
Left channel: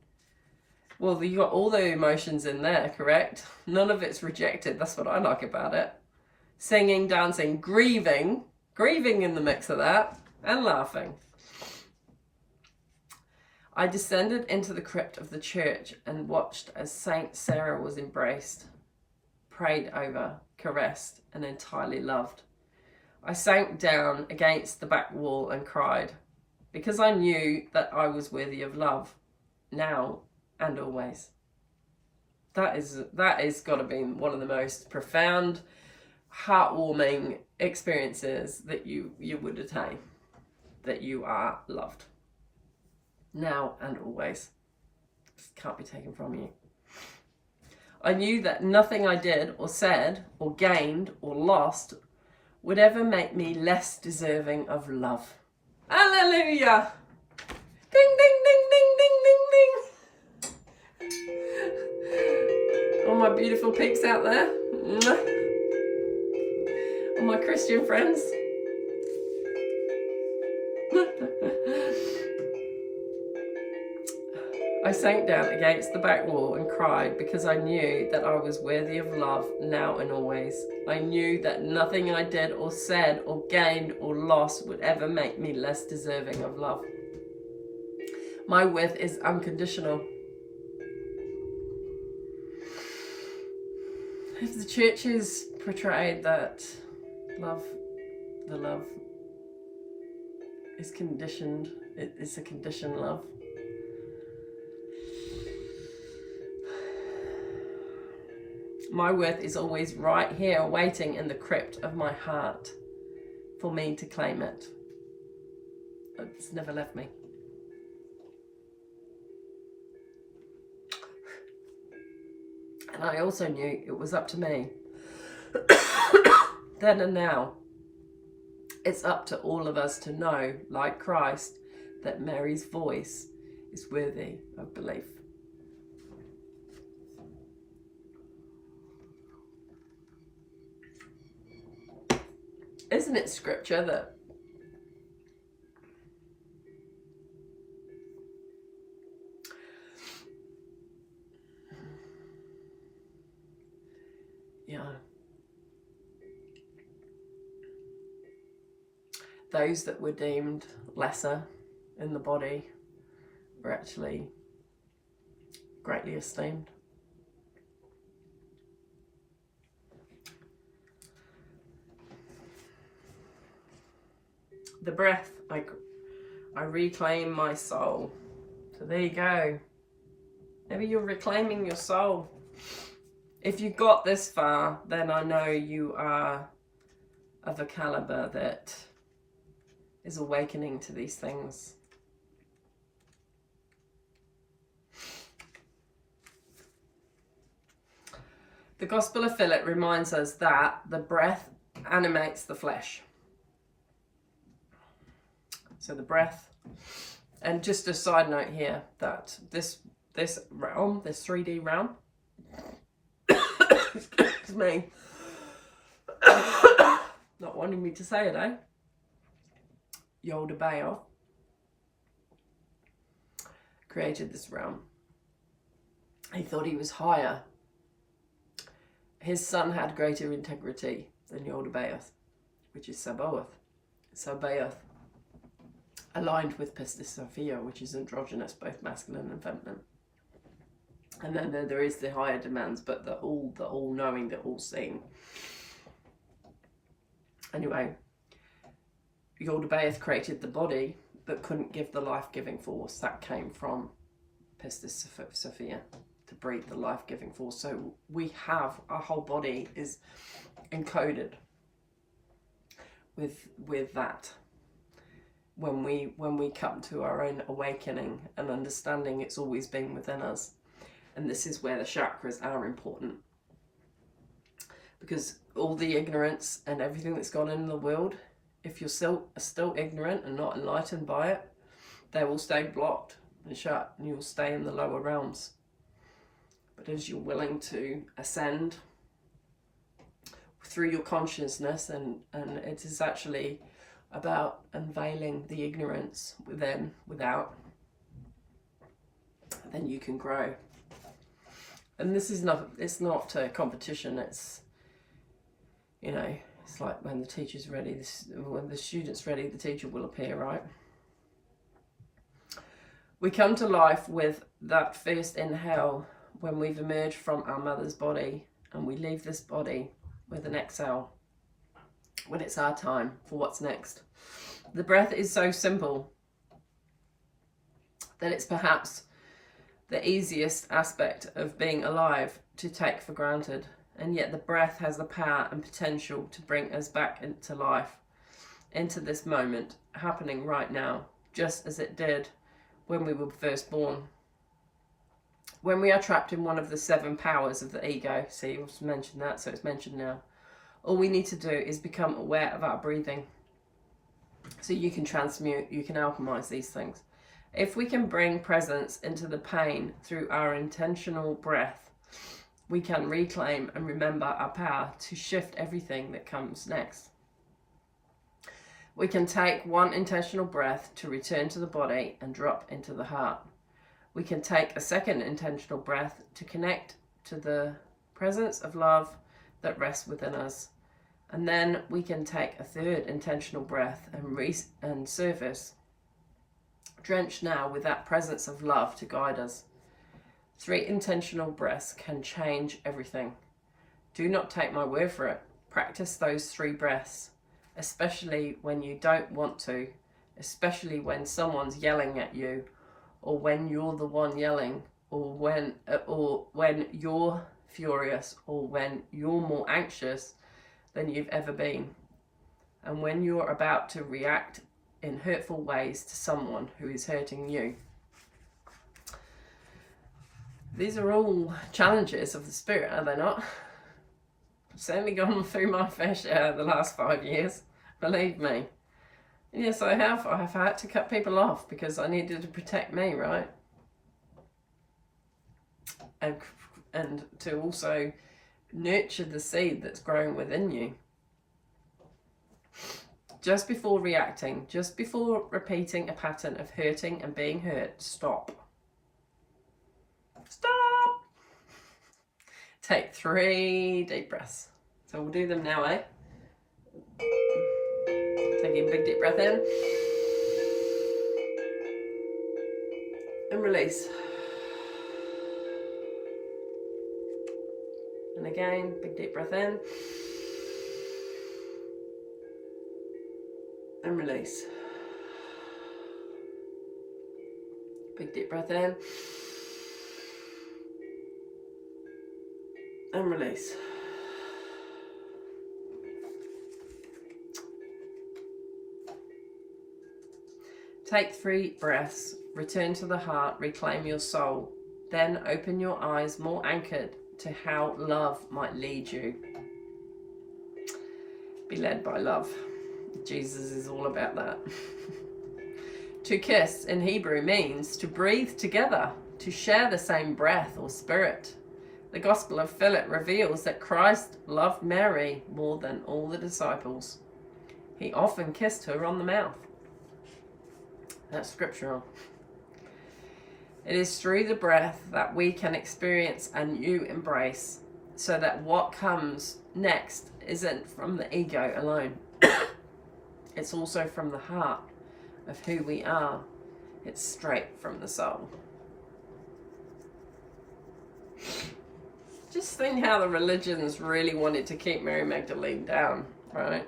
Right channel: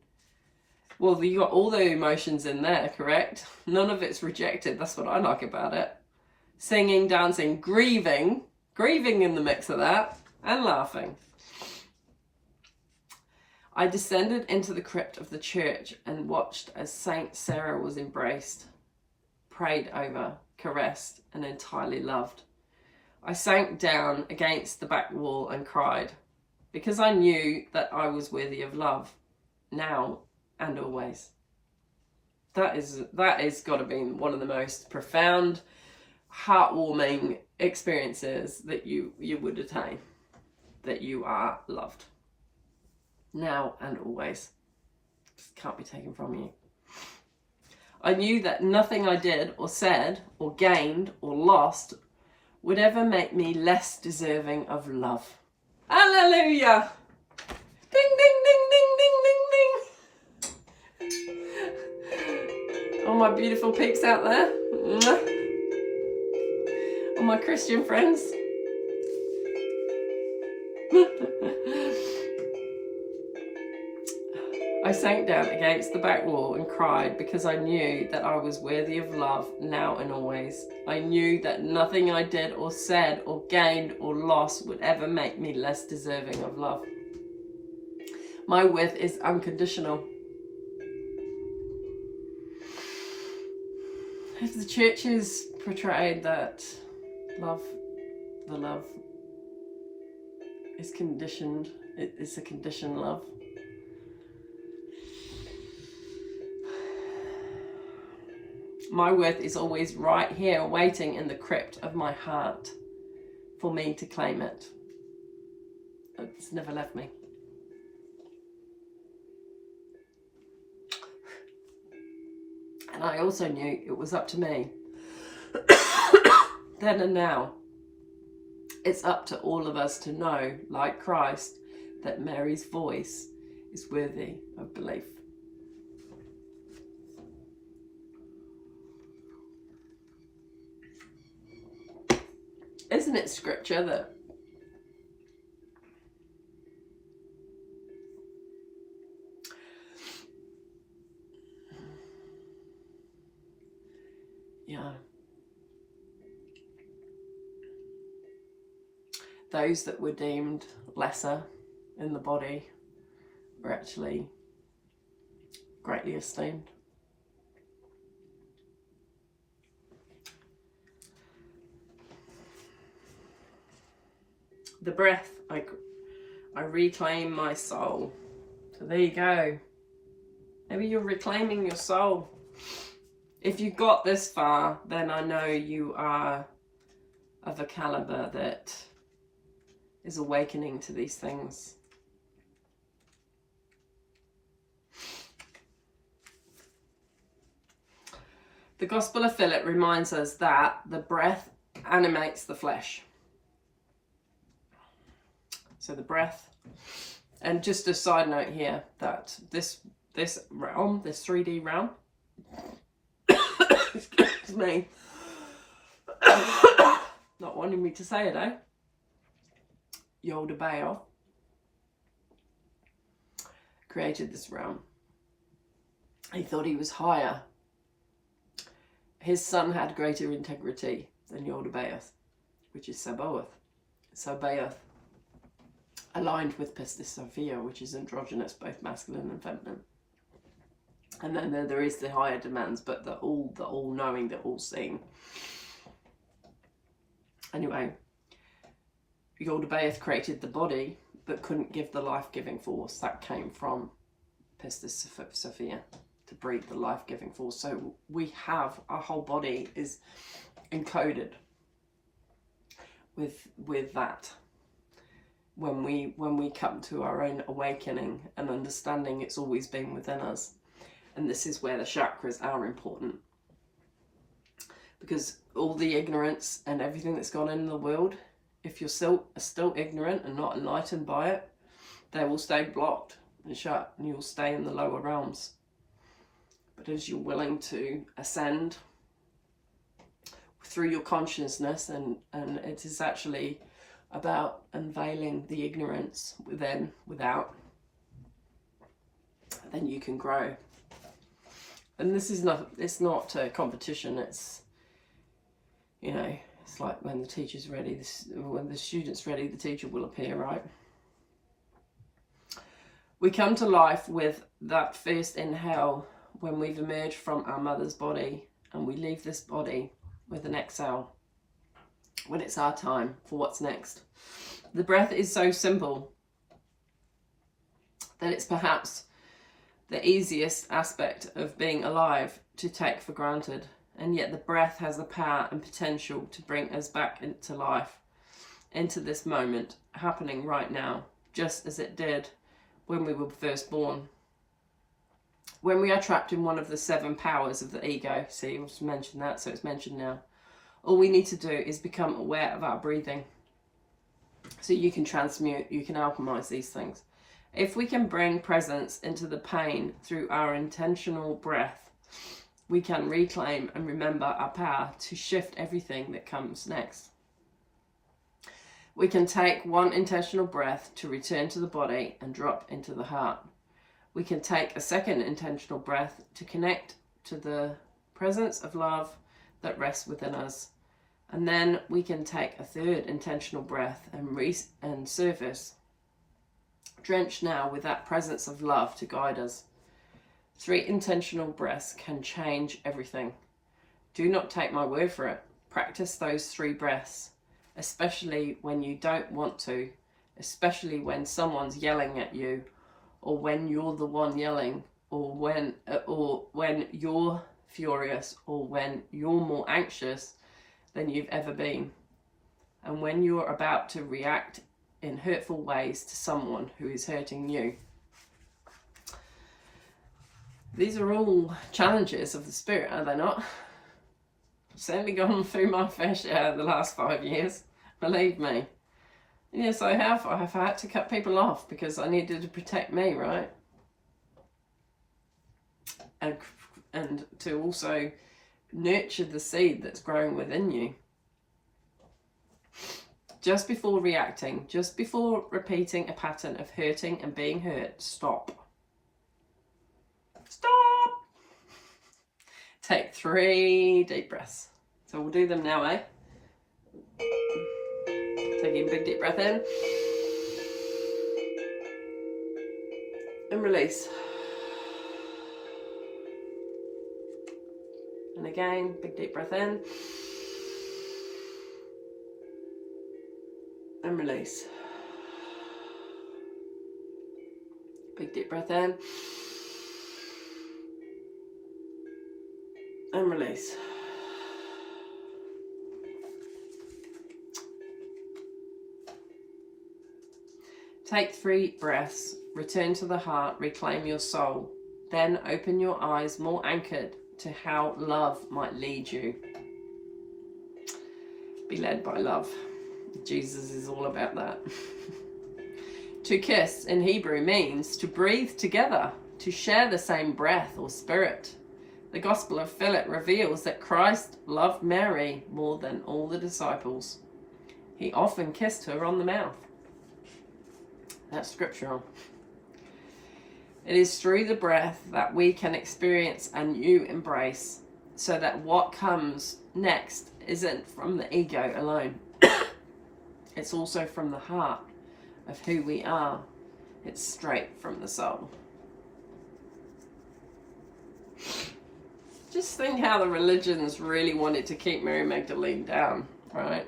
Well, you got all the emotions in there, correct? None of it's rejected. That's what I like about it. Singing, dancing, grieving in the mix of that, and laughing. I descended into the crypt of the church and watched as Saint Sarah was embraced, prayed over, caressed, and entirely loved. I sank down against the back wall and cried, because I knew that I was worthy of love, now and always. That is got to be one of the most profound, heartwarming experiences that you would attain, that you are loved, now and always. It can't be taken from you. I knew that nothing I did or said or gained or lost would ever make me less deserving of love. Hallelujah! Ding, ding, ding, ding, ding, ding, ding. All my beautiful peeps out there. All my Christian friends. I sank down against the back wall and cried because I knew that I was worthy of love now and always. I knew that nothing I did or said or gained or lost would ever make me less deserving of love. My worth is unconditional. If the church has portrayed that the love is conditioned, it's a conditioned love. My worth is always right here, waiting in the crypt of my heart for me to claim it. It's never left me. And I also knew it was up to me. Then and now, it's up to all of us to know, like Christ, that Mary's voice is worthy of belief. Isn't it scripture that those that were deemed lesser in the body were actually greatly esteemed? The breath, I reclaim my soul. So there you go. Maybe you're reclaiming your soul. If you got this far, then I know you are of a caliber that is awakening to these things. The Gospel of Philip reminds us that the breath animates the flesh. So the breath, and just a side note here, that this realm, this 3D realm, excuse me, not wanting me to say it, eh? Yoda created this realm. He thought he was higher. His son had greater integrity than Yoda, which is Sabaoth. Sabaoth, aligned with Pistis Sophia, which is androgynous, both masculine and feminine. And then there is the higher demands, but the all-knowing, the all-seeing. Anyway, Yoda created the body, but couldn't give the life-giving force that came from Pistis Sophia to breathe the life-giving force. So we have, our whole body is encoded with that. When we come to our own awakening and understanding, it's always been within us. And this is where the chakras are important. Because all the ignorance and everything that's gone in the world, if you're still ignorant and not enlightened by it, they will stay blocked and shut, and you'll stay in the lower realms. but as you're willing to ascend through your consciousness, and it is actually about unveiling the ignorance within, without, then you can grow. And this is not, it's not a competition. It's, you know, it's like when the teacher's ready, when the student's ready, the teacher will appear, right? We come to life with that first inhale when we've emerged from our mother's body, and we leave this body with an exhale when it's our time for what's next. The breath is so simple that it's perhaps the easiest aspect of being alive to take for granted, and yet the breath has the power and potential to bring us back into life, into this moment happening right now, just as it did when we were first born. When we are trapped in one of the 7 powers of the ego, see, I've mentioned that, so it's mentioned now, all we need to do is become aware of our breathing. So you can transmute, you can alchemize these things. If we can bring presence into the pain through our intentional breath, we can reclaim and remember our power to shift everything that comes next. We can take one intentional breath to return to the body and drop into the heart. We can take a second intentional breath to connect to the presence of love that rests within us. And then we can take a third intentional breath and surface, drenched now with that presence of love to guide us. 3 intentional breaths can change everything. Do not take my word for it. Practice those 3 breaths, especially when you don't want to, especially when someone's yelling at you, or when you're the one yelling, or when you're furious, or when you're more anxious than you've ever been, and when you're about to react in hurtful ways to someone who is hurting you. These are all challenges of the spirit, are they not? I've certainly gone through my fair share the last 5 years, believe me. Yes, I have. I have had to cut people off because I needed to protect me, right? And to also nurture the seed that's growing within you. Just before reacting, just before repeating a pattern of hurting and being hurt, stop. Stop! Take 3 deep breaths. So we'll do them now, eh? Taking a big deep breath in. And release. And again, big deep breath in. And release. Big deep breath in. And release. Take 3 breaths, return to the heart, reclaim your soul. Then open your eyes more anchored to how love might lead you. Be led by love. Jesus is all about that. To kiss in Hebrew means to breathe together, to share the same breath or spirit. The Gospel of Philip reveals that Christ loved Mary more than all the disciples. He often kissed her on the mouth. That's scriptural. It is through the breath that we can experience a new embrace, so that what comes next isn't from the ego alone. It's also from the heart of who we are. It's straight from the soul. Just think how the religions really wanted to keep Mary Magdalene down, right?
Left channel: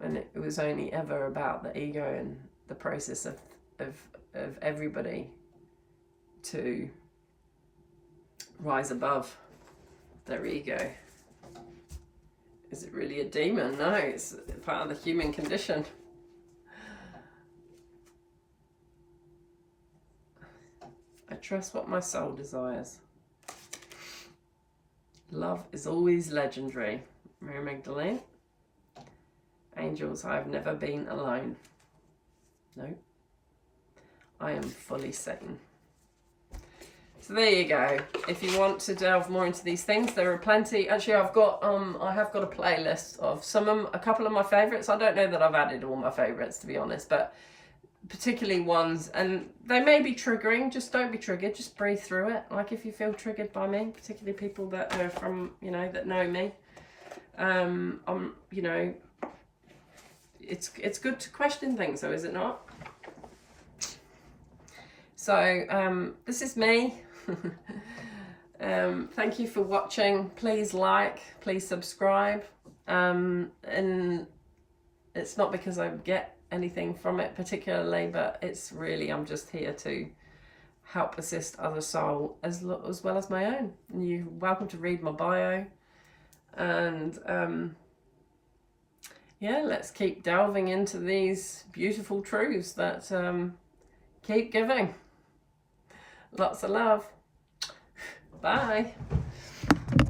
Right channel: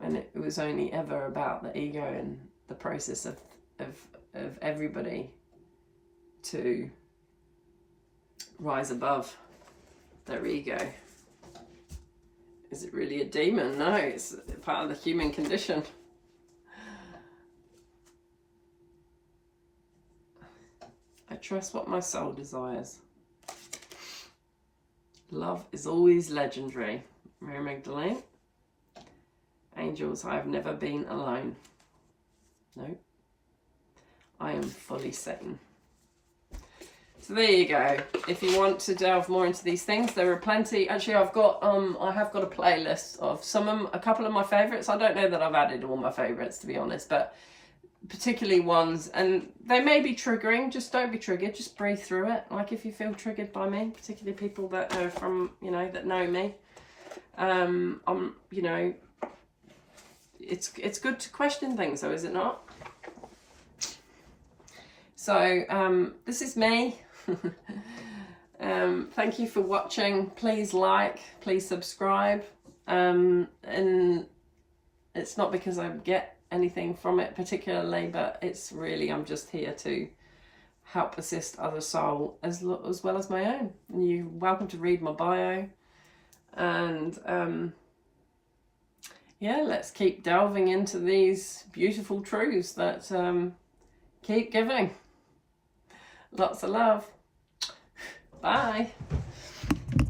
And it was only ever about the ego and the process of everybody to rise above their ego. Is it really a demon? No, it's part of the human condition. I trust what my soul desires. Love is always legendary. Mary Magdalene. Angels, I have never been alone. No. I am fully Satan. So there you go. If you want to delve more into these things, there are plenty. Actually, I have got a playlist of a couple of my favorites. I don't know that I've added all my favorites, to be honest, but particularly ones, and they may be triggering. Just don't be triggered. Just breathe through it. Like if you feel triggered by me, particularly people that are from, you know, that know me, you know, it's good to question things, though, is it not? So this is me. Thank you for watching. Please like, please subscribe, and it's not because I get anything from it particularly, but it's really, I'm just here to help assist other soul as well as my own. And you're welcome to read my bio, and yeah, let's keep delving into these beautiful truths that keep giving. Lots of love. Bye.